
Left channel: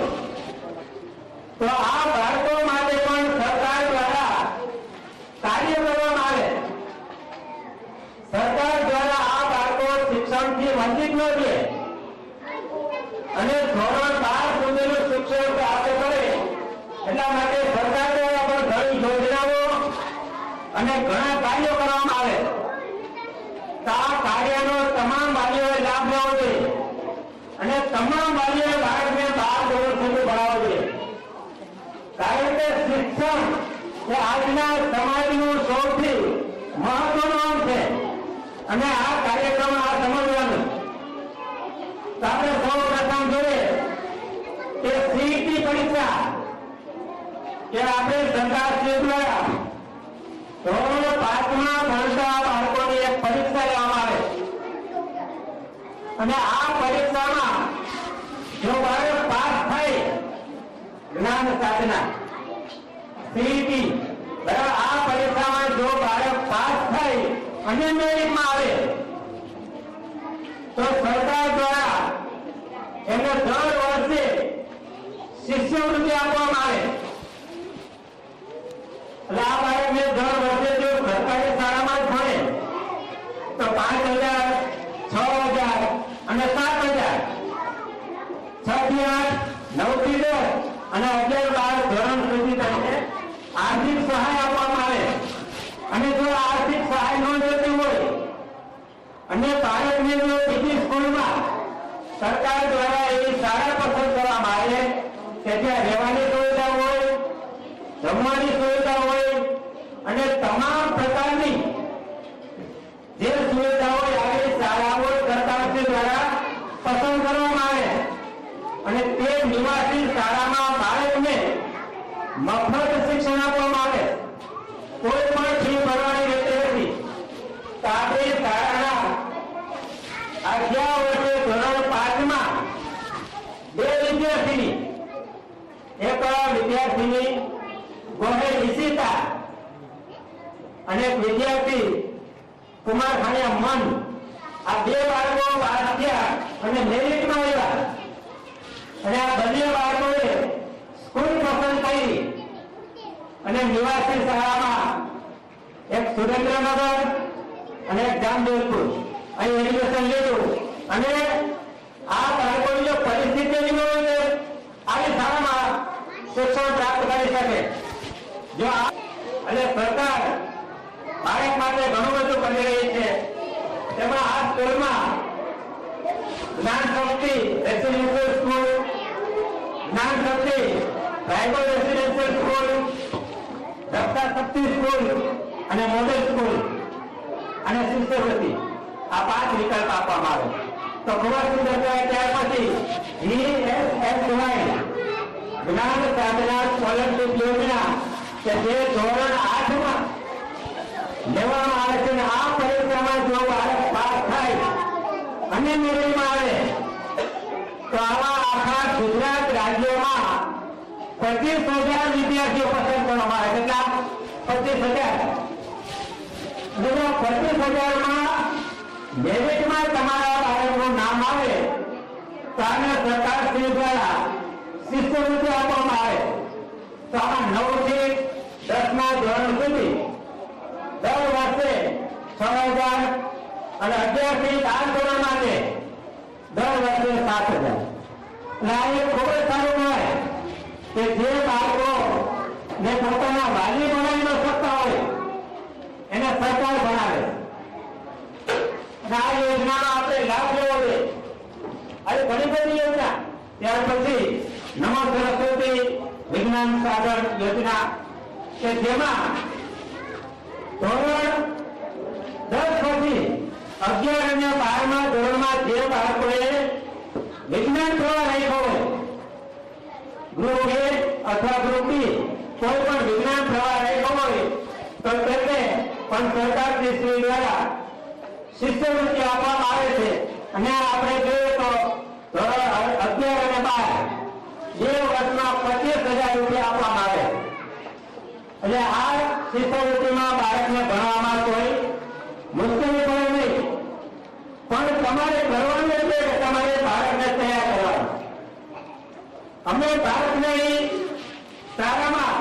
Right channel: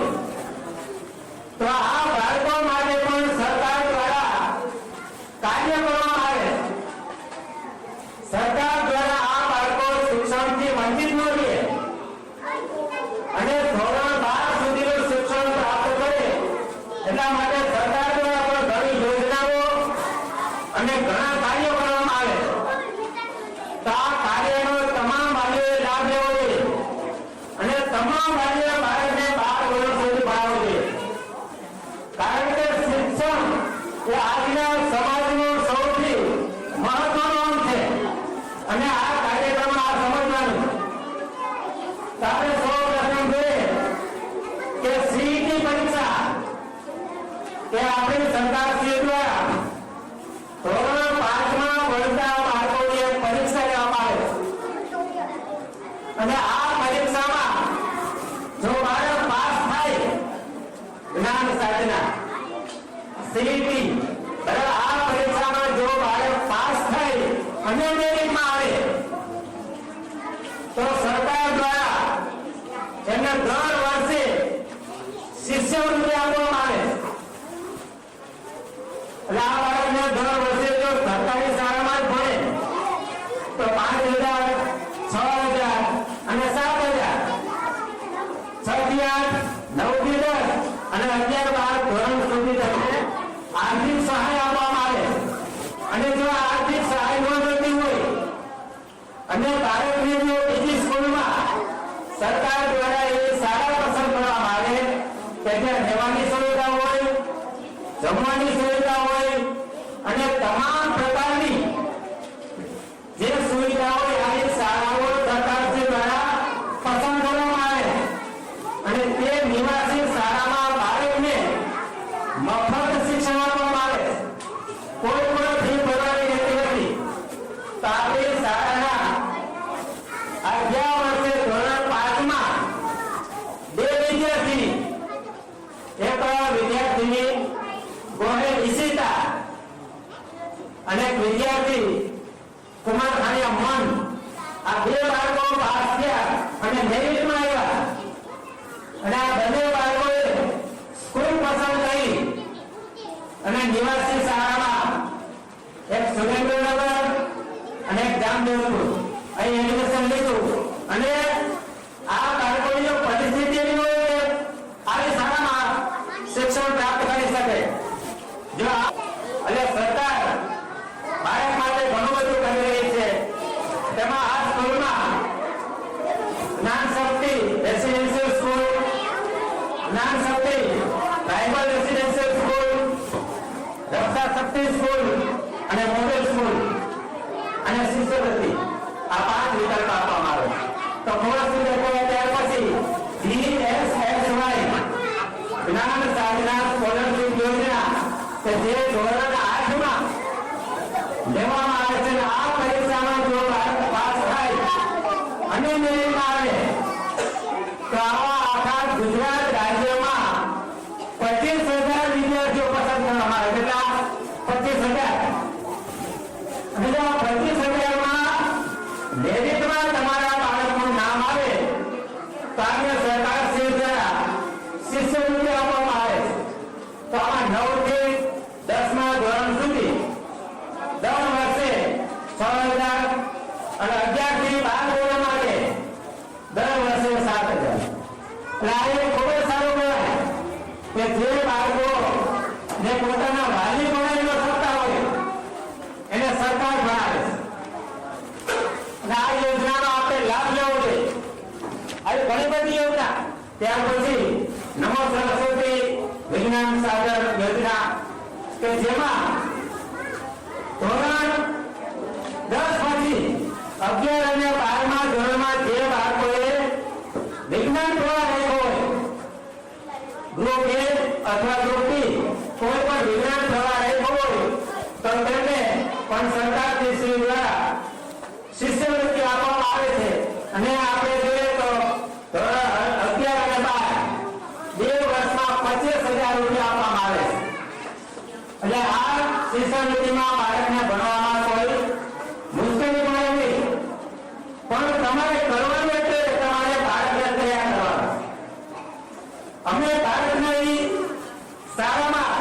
તો આ બાળકો માટે પણ સરકાર દ્વારા કાર્ય કરવામાં આવે. સરકાર દ્વારા આ બાળકો શિક્ષણથી વંચિત ન રહે અને ધોરણ 12 સુધીનું શિક્ષણ પ્રાપ્ત કરે, એટલા માટે સરકાર દ્વારા પણ ઘણી યોજનાઓ અને ઘણા કાર્યો કરવામાં આવે. તો આ કાર્યનો તમામ વાલીઓએ લાભ લેવો જોઈએ અને તમામ વાલીઓએ બાળકને 12 વર્ષ સુધી ભણાવવું જોઈએ. કારણ કે શિક્ષણ એ આજના સમાજનું સૌથી મહત્વનું અંગ છે. અને આ કાર્યક્રમમાં આ સમજવાનું. તો આપણે સૌ પ્રથમ જોઈએ કે સીઈટી પરીક્ષા કે આપણી સરકારશ્રી દ્વારા ધોરણ 5માં ભણતા બાળકોની એક પરીક્ષા લેવામાં આવે. અને આ પરીક્ષામાં જો બાળક પાસ થાય, જ્ઞાન સાધના સીઈટી, બરાબર, આ પરીક્ષામાં જો બાળક પાસ થાય અને મેરિટમાં આવે, તો સરકાર દ્વારા એમને દર વર્ષે શિષ્યવૃત્તિ આપવામાં આવે. એટલે આ બાળકને દર વર્ષે જો સરકારી શાળામાં જ ભણે તો 5,000, 6,000 અને 7,000, 6 થી 8, 9 થી 10 અને 11-12 ધોરણ સુધી તમને આર્થિક સહાય આપવામાં આવે. અને જો આર્થિક સહાય ન જોતી હોય અને બાળકને જો બીજી સ્કૂલમાં સરકાર દ્વારા એવી શાળા પસંદ કરવામાં આવે કે જ્યાં રહેવાની સુવિધા હોય, જમવાની સુવિધા હોય અને તમામ પ્રકારની જે સુવિધા હોય, આવી શાળાઓ સરકારશ્રી દ્વારા પસંદ કરવામાં આવે. અને તે નિવાસી શાળામાં બાળકને મફત શિક્ષણ આપવામાં આવે. કોઈ પણ ફી ભરવાની રહેતી નથી. તો આપણી શાળાના 11 વર્ષે ધોરણ 5માં 2 વિદ્યાર્થી, એક વિદ્યાર્થીની ગોહે ઈશિતા અને એક વિદ્યાર્થી કુમાર ખાણીયા મન, આ 2 બાળકો પાસ થયા અને મેરિટમાં આવ્યા. અને આ બંને બાળકોએ સ્કૂલ પસંદ કરી અને નિવાસી શાળામાં એક સુરેન્દ્રનગર અને એક જામજોધપુર અહીં એડમિશન લીધું. અને આ બાળકોની જો પરિસ્થિતિ એવી ન હોય કે આવી શાળામાં શિક્ષણ પ્રાપ્ત કરી શકે, જો અને સરકાર બાળક માટે ઘણું બધું કરી રહી છે. તેમાં આ સ્કૂલમાં જ્ઞાન શક્તિ રેસિડેન્શિયલ સ્કૂલ, જ્ઞાન શક્તિ ટ્રાઇબલ રેસિડેન્શિયલ સ્કૂલ, રક્ષા શક્તિ સ્કૂલ અને મોડેલ સ્કૂલ અને શિષ્યવૃત્તિ, આ 5 વિકલ્પ આપવામાં આવે. તો ખબર શું ત્યાર પછી GSSY જ્ઞાન સાધના સ્કોલરશીપ યોજના કે જે ધોરણ 8 માં લેવામાં આવે છે અને આ પરીક્ષામાં જો બાળક પાસ થાય અને મેરિટમાં આવે તો આવા આખા ગુજરાત રાજ્યમાં 25,000 વિદ્યાર્થીઓ પસંદ કરવામાં આવે. કેટલા? 25,000. 25,000 માં મેરિટમાં તમારા બાળકનું નામ આવે તો આને સરકાર શ્રી દ્વારા શિષ્યવૃત્તિ આપવામાં આવે છે. તો આમાં 9 થી 10મા ધોરણ સુધી દર વર્ષે 6,000 અને 11 થી 12 ધોરણ માટે દર વર્ષે 7,000. એટલે આ એક ખૂબ જ સારું કહેવાય કે જે બાળકો જે પોતાના વાલી ભણાવી ન શકતા હોય એને સરકાર ભણાવે છે. અને આ યોજનાનો આપણે લાભ લેવો જોઈએ. આવી ઘણી બધી યોજના. ત્યાર પછી નમો સરસ્વતી વિજ્ઞાન સાગર યોજના કે જેમાં ધોરણ 10 પછી 11 અને 12મા ધોરણમાં જે બાળકોએ વિજ્ઞાન પ્રવાહ રાખ્યો હોય ગ્રુપ A અથવા ગ્રુપ B કોઈ પણ વિજ્ઞાન પ્રવાહ રાખ્યો હોય તો તેમને પણ સરકારની શ્રી દ્વારા શિષ્યવૃત્તિ આપવામાં આવે છે. અને આપણે જોઈએ તો ધોરણ 11 અને 12 બે વર્ષમાં 25,000 રૂપિયા આપવામાં આવે છે. એટલે આ શિષ્યવૃત્તિમાં બાળકને ભણવામાં કોઈ મુશ્કેલી પડે નહીં, પણ તમારે કરવાનું એટલે કે તમારે બાળકને તૈયાર કરવાનું. અમે બાળકને શાળામાં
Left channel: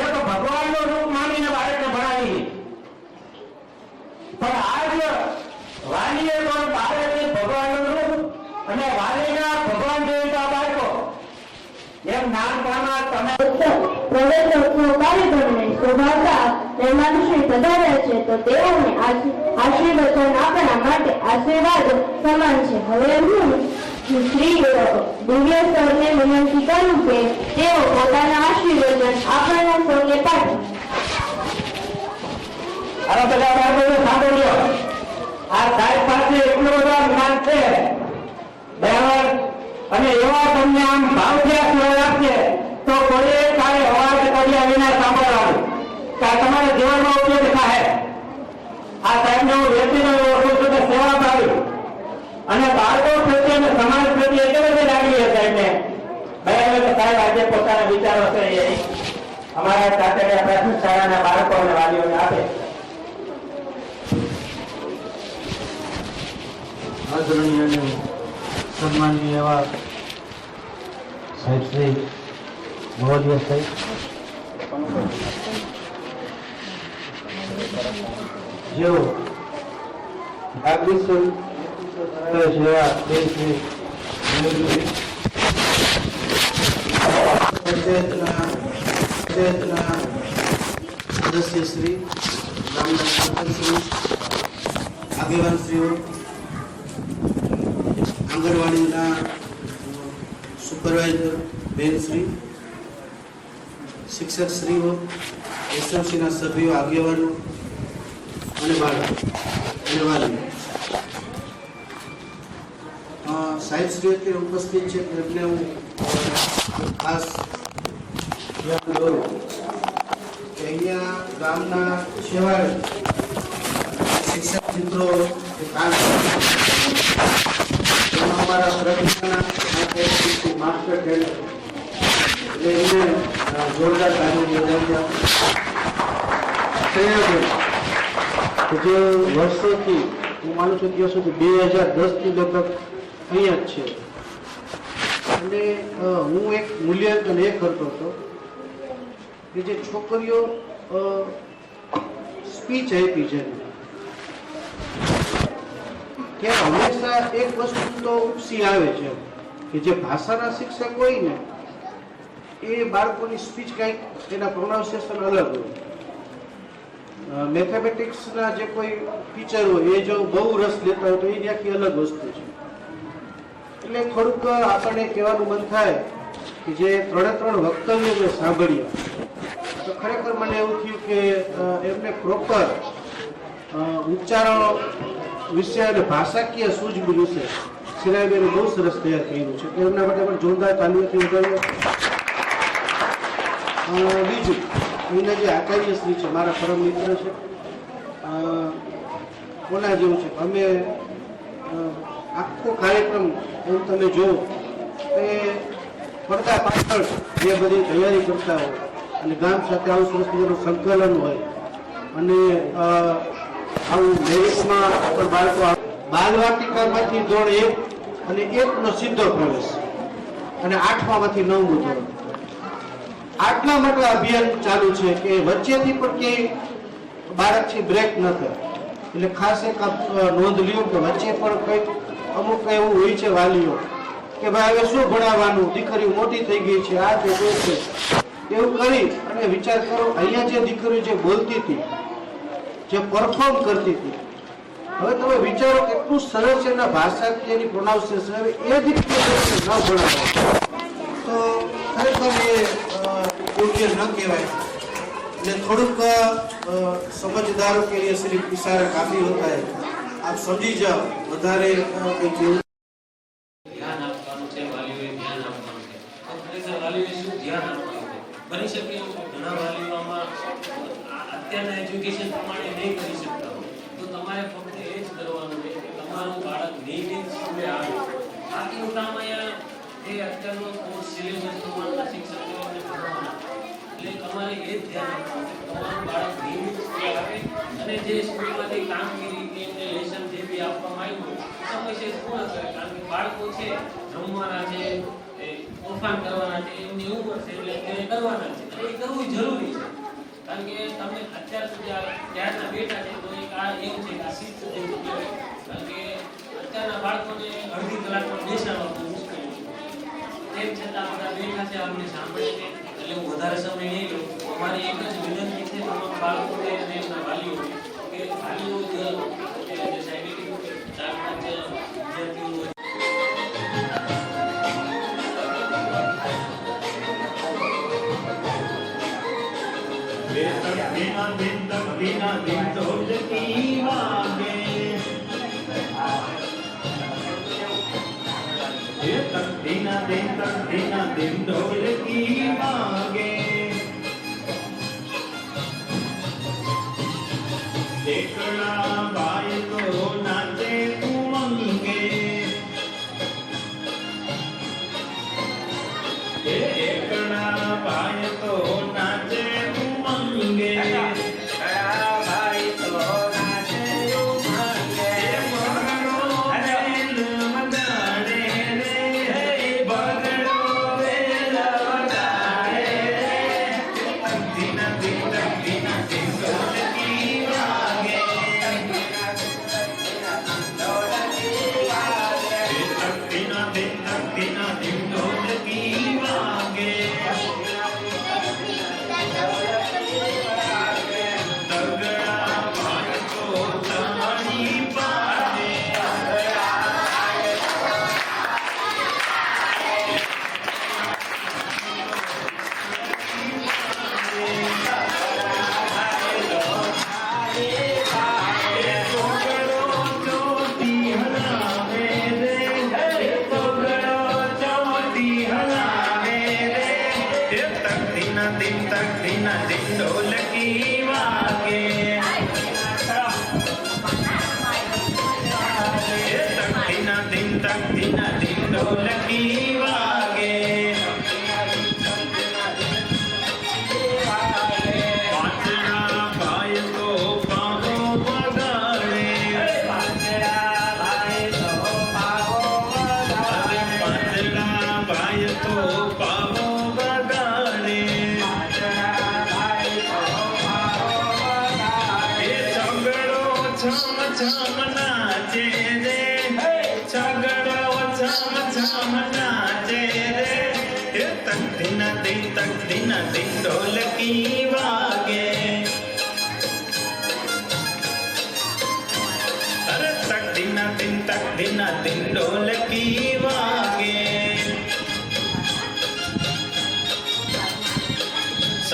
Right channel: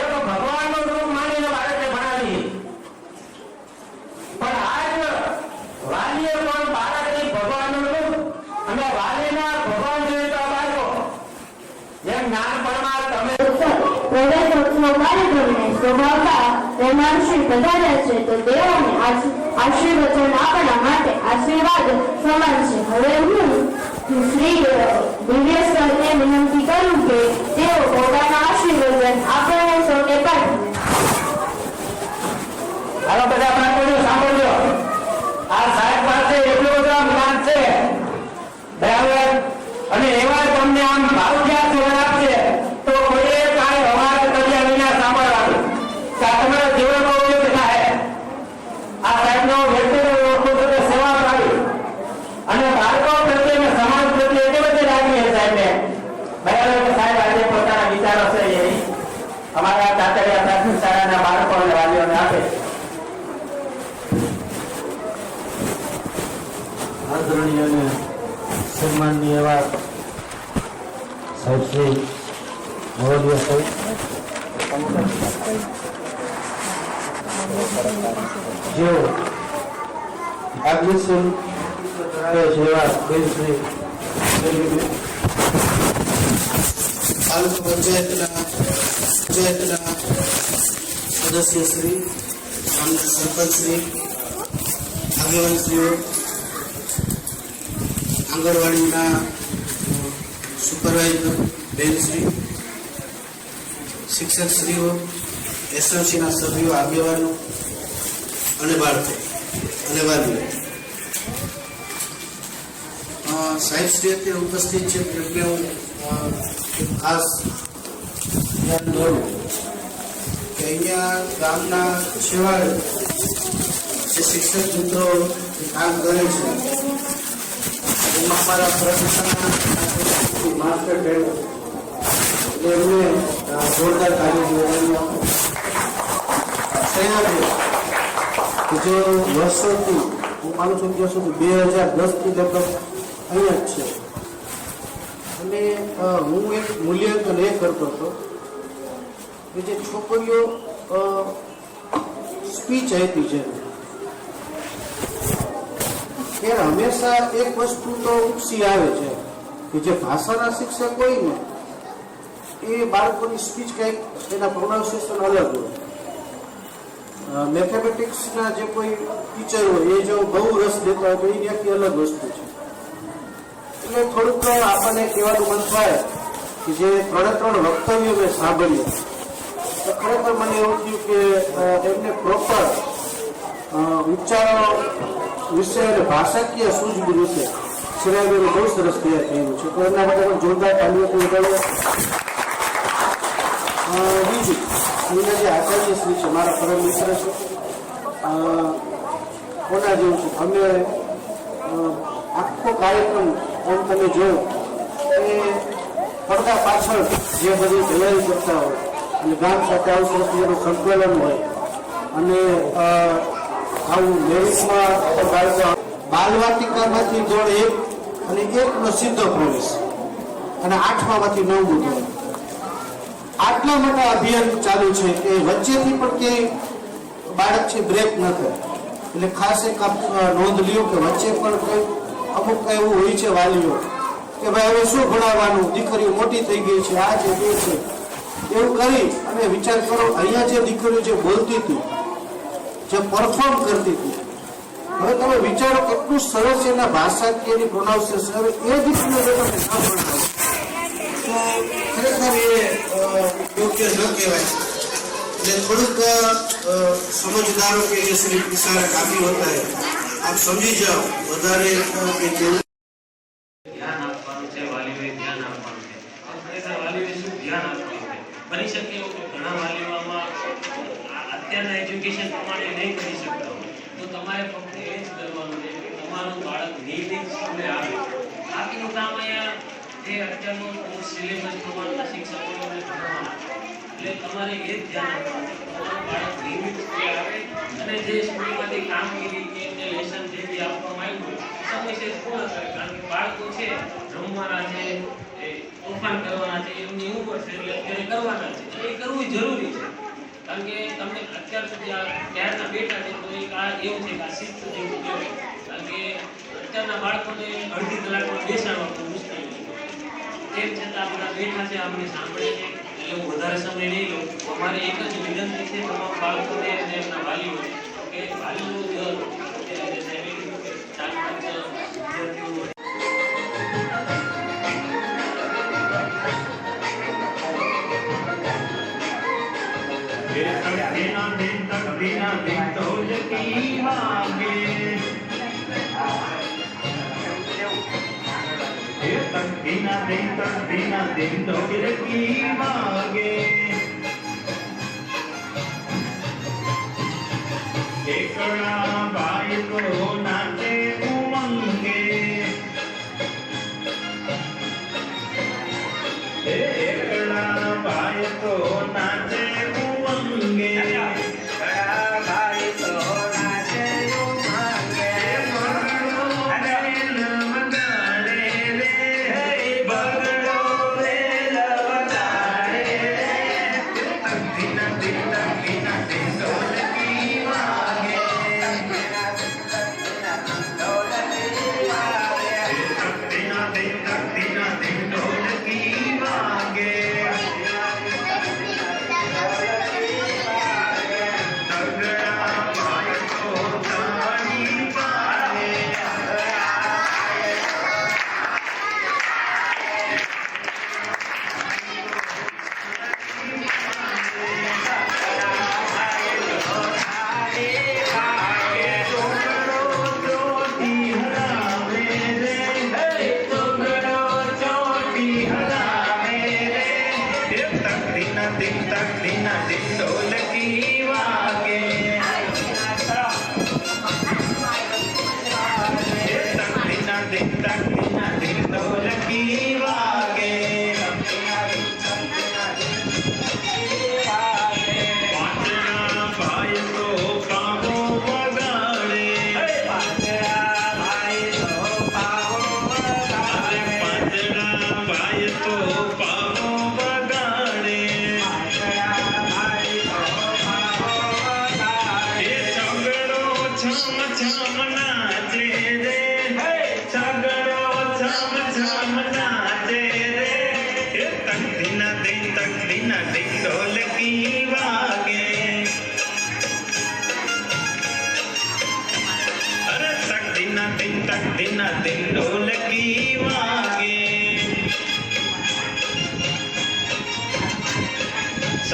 એક ભગવાનનું રૂપ માનીને બાળકને ભણાવી, પણ આજ વાલીએ પણ બાળકને ભગવાનનું રૂપ અને વાલીના ભગવાન જેવા બાળકો જેમ નાનપણમાં તમે પ્રવેશોત્સવ કાર્યક્રમને શોભાવતા મહેમાનશ્રી પધાર્યા છે તો તેઓને આશીર્વચન આપણા માટે આશીર્વાદ સમાન છે. હવે હું શ્રી દિવ્ય સરને વિનંતી કરું કે તેઓ પોતાના આશીર્વચન આપણને સૌને પાઠવે. હવે બધા બાળકોને સાંભળજો. આ સાહેબ પાસે એટલું બધું જ્ઞાન છે બરાબર, અને એવા તમને આમ ભાવથી આશીર્વાદ આપશે તો કોઈએ કાંઈ અવાજ કર્યા વિના સાંભળવાનું કે આ તમારા જીવનમાં ઉપયોગ થાય. આ સાહેબનો વ્યક્તિનો ઓળખું છું કે સેવા ભાવી અને બાળકો પ્રત્યે અને સમાજ પ્રત્યે એટલી બધી લાગણી છે સાહેબને બરાબર કે સાહેબ આજે પોતાના વિચારો છે એ અમારા ચાચરિયા પ્રાથમિક શાળાના બાળકો અને વાલીઓને આપે. આદરણીય અને સન્માનનીય એવા સાહેબ શ્રી મોરલિયા સાહેબ, જેઓ માર્ગદર્શન જેવા બેન શ્રી પંચાયતના સદસ્ય શ્રી, ગામના સરપંચ શ્રી, આગેવાનશ્રીઓ, આંગણવાડીના સુપરવાઇઝર બેનશ્રી, શિક્ષકશ્રીઓ, એસએમસીના સભ્યો, આગેવાનો અને બાળકો અને વાલીઓ, સાહેબશ્રી અત્યારે ઉપસ્થિત છે એટલે હું ખાસ ધ્યાન દોરું કે અહીંયા ગામના છેવાડે જે શિક્ષક મિત્રો જે કામ કરે છે એમાં અમારા પ્રતિષ્ઠાના માસ્ટર ટ્રેનર એટલે એમને જોરદાર કાર્ય કે જે વર્ષોથી હું માનું છું ત્યાં સુધી 2010થી લગભગ અહીંયા જ છે. અને હું એક મૂલ્યાંકન એ કરતો હતો કે જે છોકરીઓ સ્પીચ આપી છે કે હંમેશા એક વસ્તુ તો ઉપસી આવે છે કે જે ભાષાના શિક્ષક હોય ને એ બાળકોની સ્પીચ કંઈક એના પ્રોનાઉન્સિએશન અલગ હોય. મેથેમેટિક્સના જે કોઈ ટીચર હોય એ જો બહુ રસ લેતા હોય તો એની આખી અલગ વસ્તુ છે. એટલે થોડુંક આપણને કહેવાનું મન થાય કે જે 3 વક્તવ્ય મેં સાંભળ્યું તો ખરેખર મને એવું થયું કે એમને પ્રોપર ઉચ્ચારણ વિશે અને ભાષાકીય સૂઝબૂઝ વિશે શ્રેયાબેન બહુ સરસ તૈયાર થયેલું છે. તો એમના માટે પણ જોરદાર તાલીઓથી વધારે. બીજું અહીંના જે આચાર્ય શ્રી છે મારા પરમ મિત્ર છે, કોના જેવું છે. અમે આખો કાર્યક્રમ એમ તમે જોયો એ પડદા પાછળ જે બધી તૈયારી કરતા હોય અને ગામ સાથે આવું સરસ મજાનું સંકલન હોય અને આવું લેડીઝમાં બાળકો બાલવાટિકામાંથી ધોરણ 1 અને 1નો સીધો પ્રવેશ અને 8મામાંથી 9મું ધોરણ. આટલા મોટા અભિયાન ચાલુ છે કે વચ્ચેથી પણ ક્યાંય બાળક છે બ્રેક ન કરે. એટલે ખાસ એક નોંધ લ્યો કે વચ્ચે પણ કંઈક અમુક એવું હોય છે વાલીઓ કે ભાઈ હવે શું ભણાવવાનું, દીકરીઓ મોટી થઈ ગઈ છે, આ છે તે છે, એવું કરી અને વિચાર કરો અહીંયા જે દીકરીઓ જે બોલતી હતી, જે પરફોર્મ કરતી હતી, હવે તમે વિચારો કેટલું સરસ છે એના ભાષાકીયની પ્રોનાઉન્સિએશન. હવે એ દીકરીઓ ન ભણાવે તો ખરેખર એ યોગ્ય ન કહેવાય. એટલે થોડુંક સમજદારો કે ये सिर्फ इशारा काफी होता है. आप समझी जाओ વધારે કે જેવું ધ્યાન આપવાનું છે, વાલીઓએ ધ્યાન આપવાનું છે. ખરેખર વાલીઓએ શું ધ્યાન આપવું છે? બની શકે એવું કે ઘણા વાલીઓ આમાં અત્યારના એજ્યુકેશન પ્રમાણે નહીં કરી શકતા હોય તો તમારે ફક્ત એ જ કરવાનું છે કે તમારું બાળક નિયમિત સ્કૂલે આવે. બાકીનું કામ અહીંયા એ અત્યારનો સિલેબસ પ્રમાણના શિક્ષકોને ભણવાના. એટલે તમારે એ જ ધ્યાન આપવાનું છે કે તમારું બાળક નિયમિત સ્કૂલે આવે અને જે સ્કૂલમાંથી કામગીરી કે જે લેસન જે બી આપવામાં આવ્યું હોય સમયસર પૂર્ણ કરે. કારણ કે બાળકો છે જમવાના છે, એ તોફાન કરવાના છે, એમની ઉંમર છે એટલે અત્યારે કરવાના છે. એટલે એ કરવું જરૂરી છે. કારણ કે તમને અત્યાર સુધી ત્યારના બેઠા છે તો એક આ એવું છે કે આ શિસ્ત જેવું કહેવાય. કારણ કે અત્યારના બાળકોને અડધી કલાકમાં બેસાડવા બહુ મુશ્કેલ છે. તેમ છતાં બધા બેઠા છે, અમને સાંભળે છે. એટલે હું વધારે સમય નહીં લઉં. અમારે એક જ વિનંતી છે તમામ બાળકોને અને એમના વાલીઓ કે વાલીઓ જે સાહેબે કીધું કે 4-5 વિદ્યાર્થીઓ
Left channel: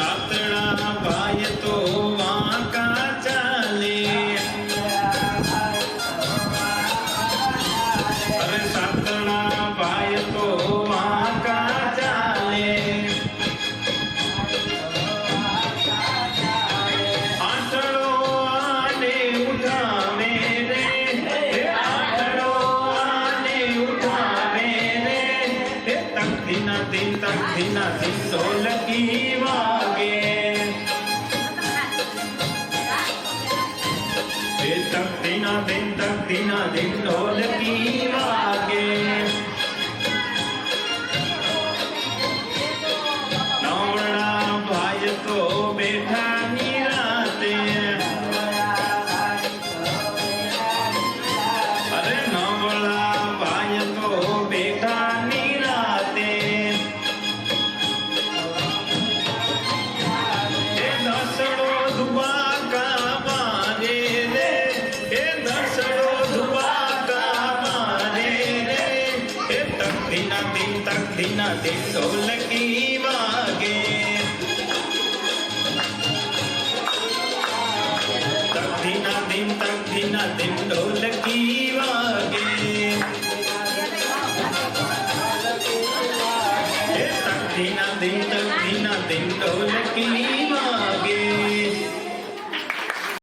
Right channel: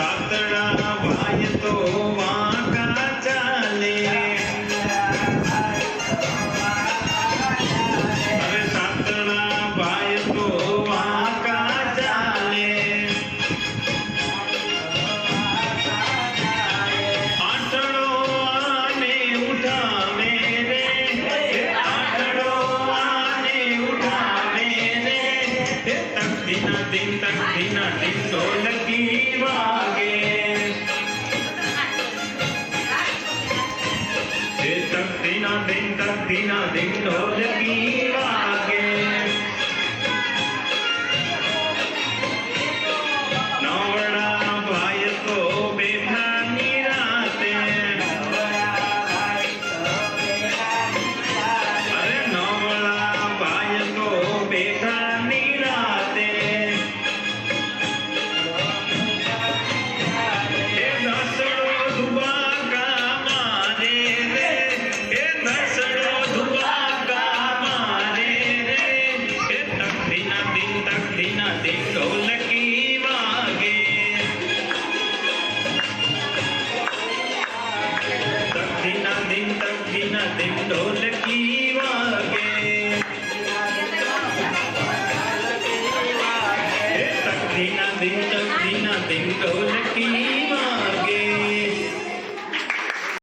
સાતડા ધીના ધીન ઢોલકી વાગે એ તક ધીના ધીન ઢોલકી વાગે નવડા બાળકો બેઠા નિરાતે અરે નવડા બાળકો બેઠા નિરાતે એ દસડો દુબાકા મારે રે એ દસડો દુબાકા મારે રે એ તક ધીના ધીન ઢોલકી વાગે તક ધીના ધીન ઢોલકી વાગે એ તક ધીના ધીન ઢોલકી વાગે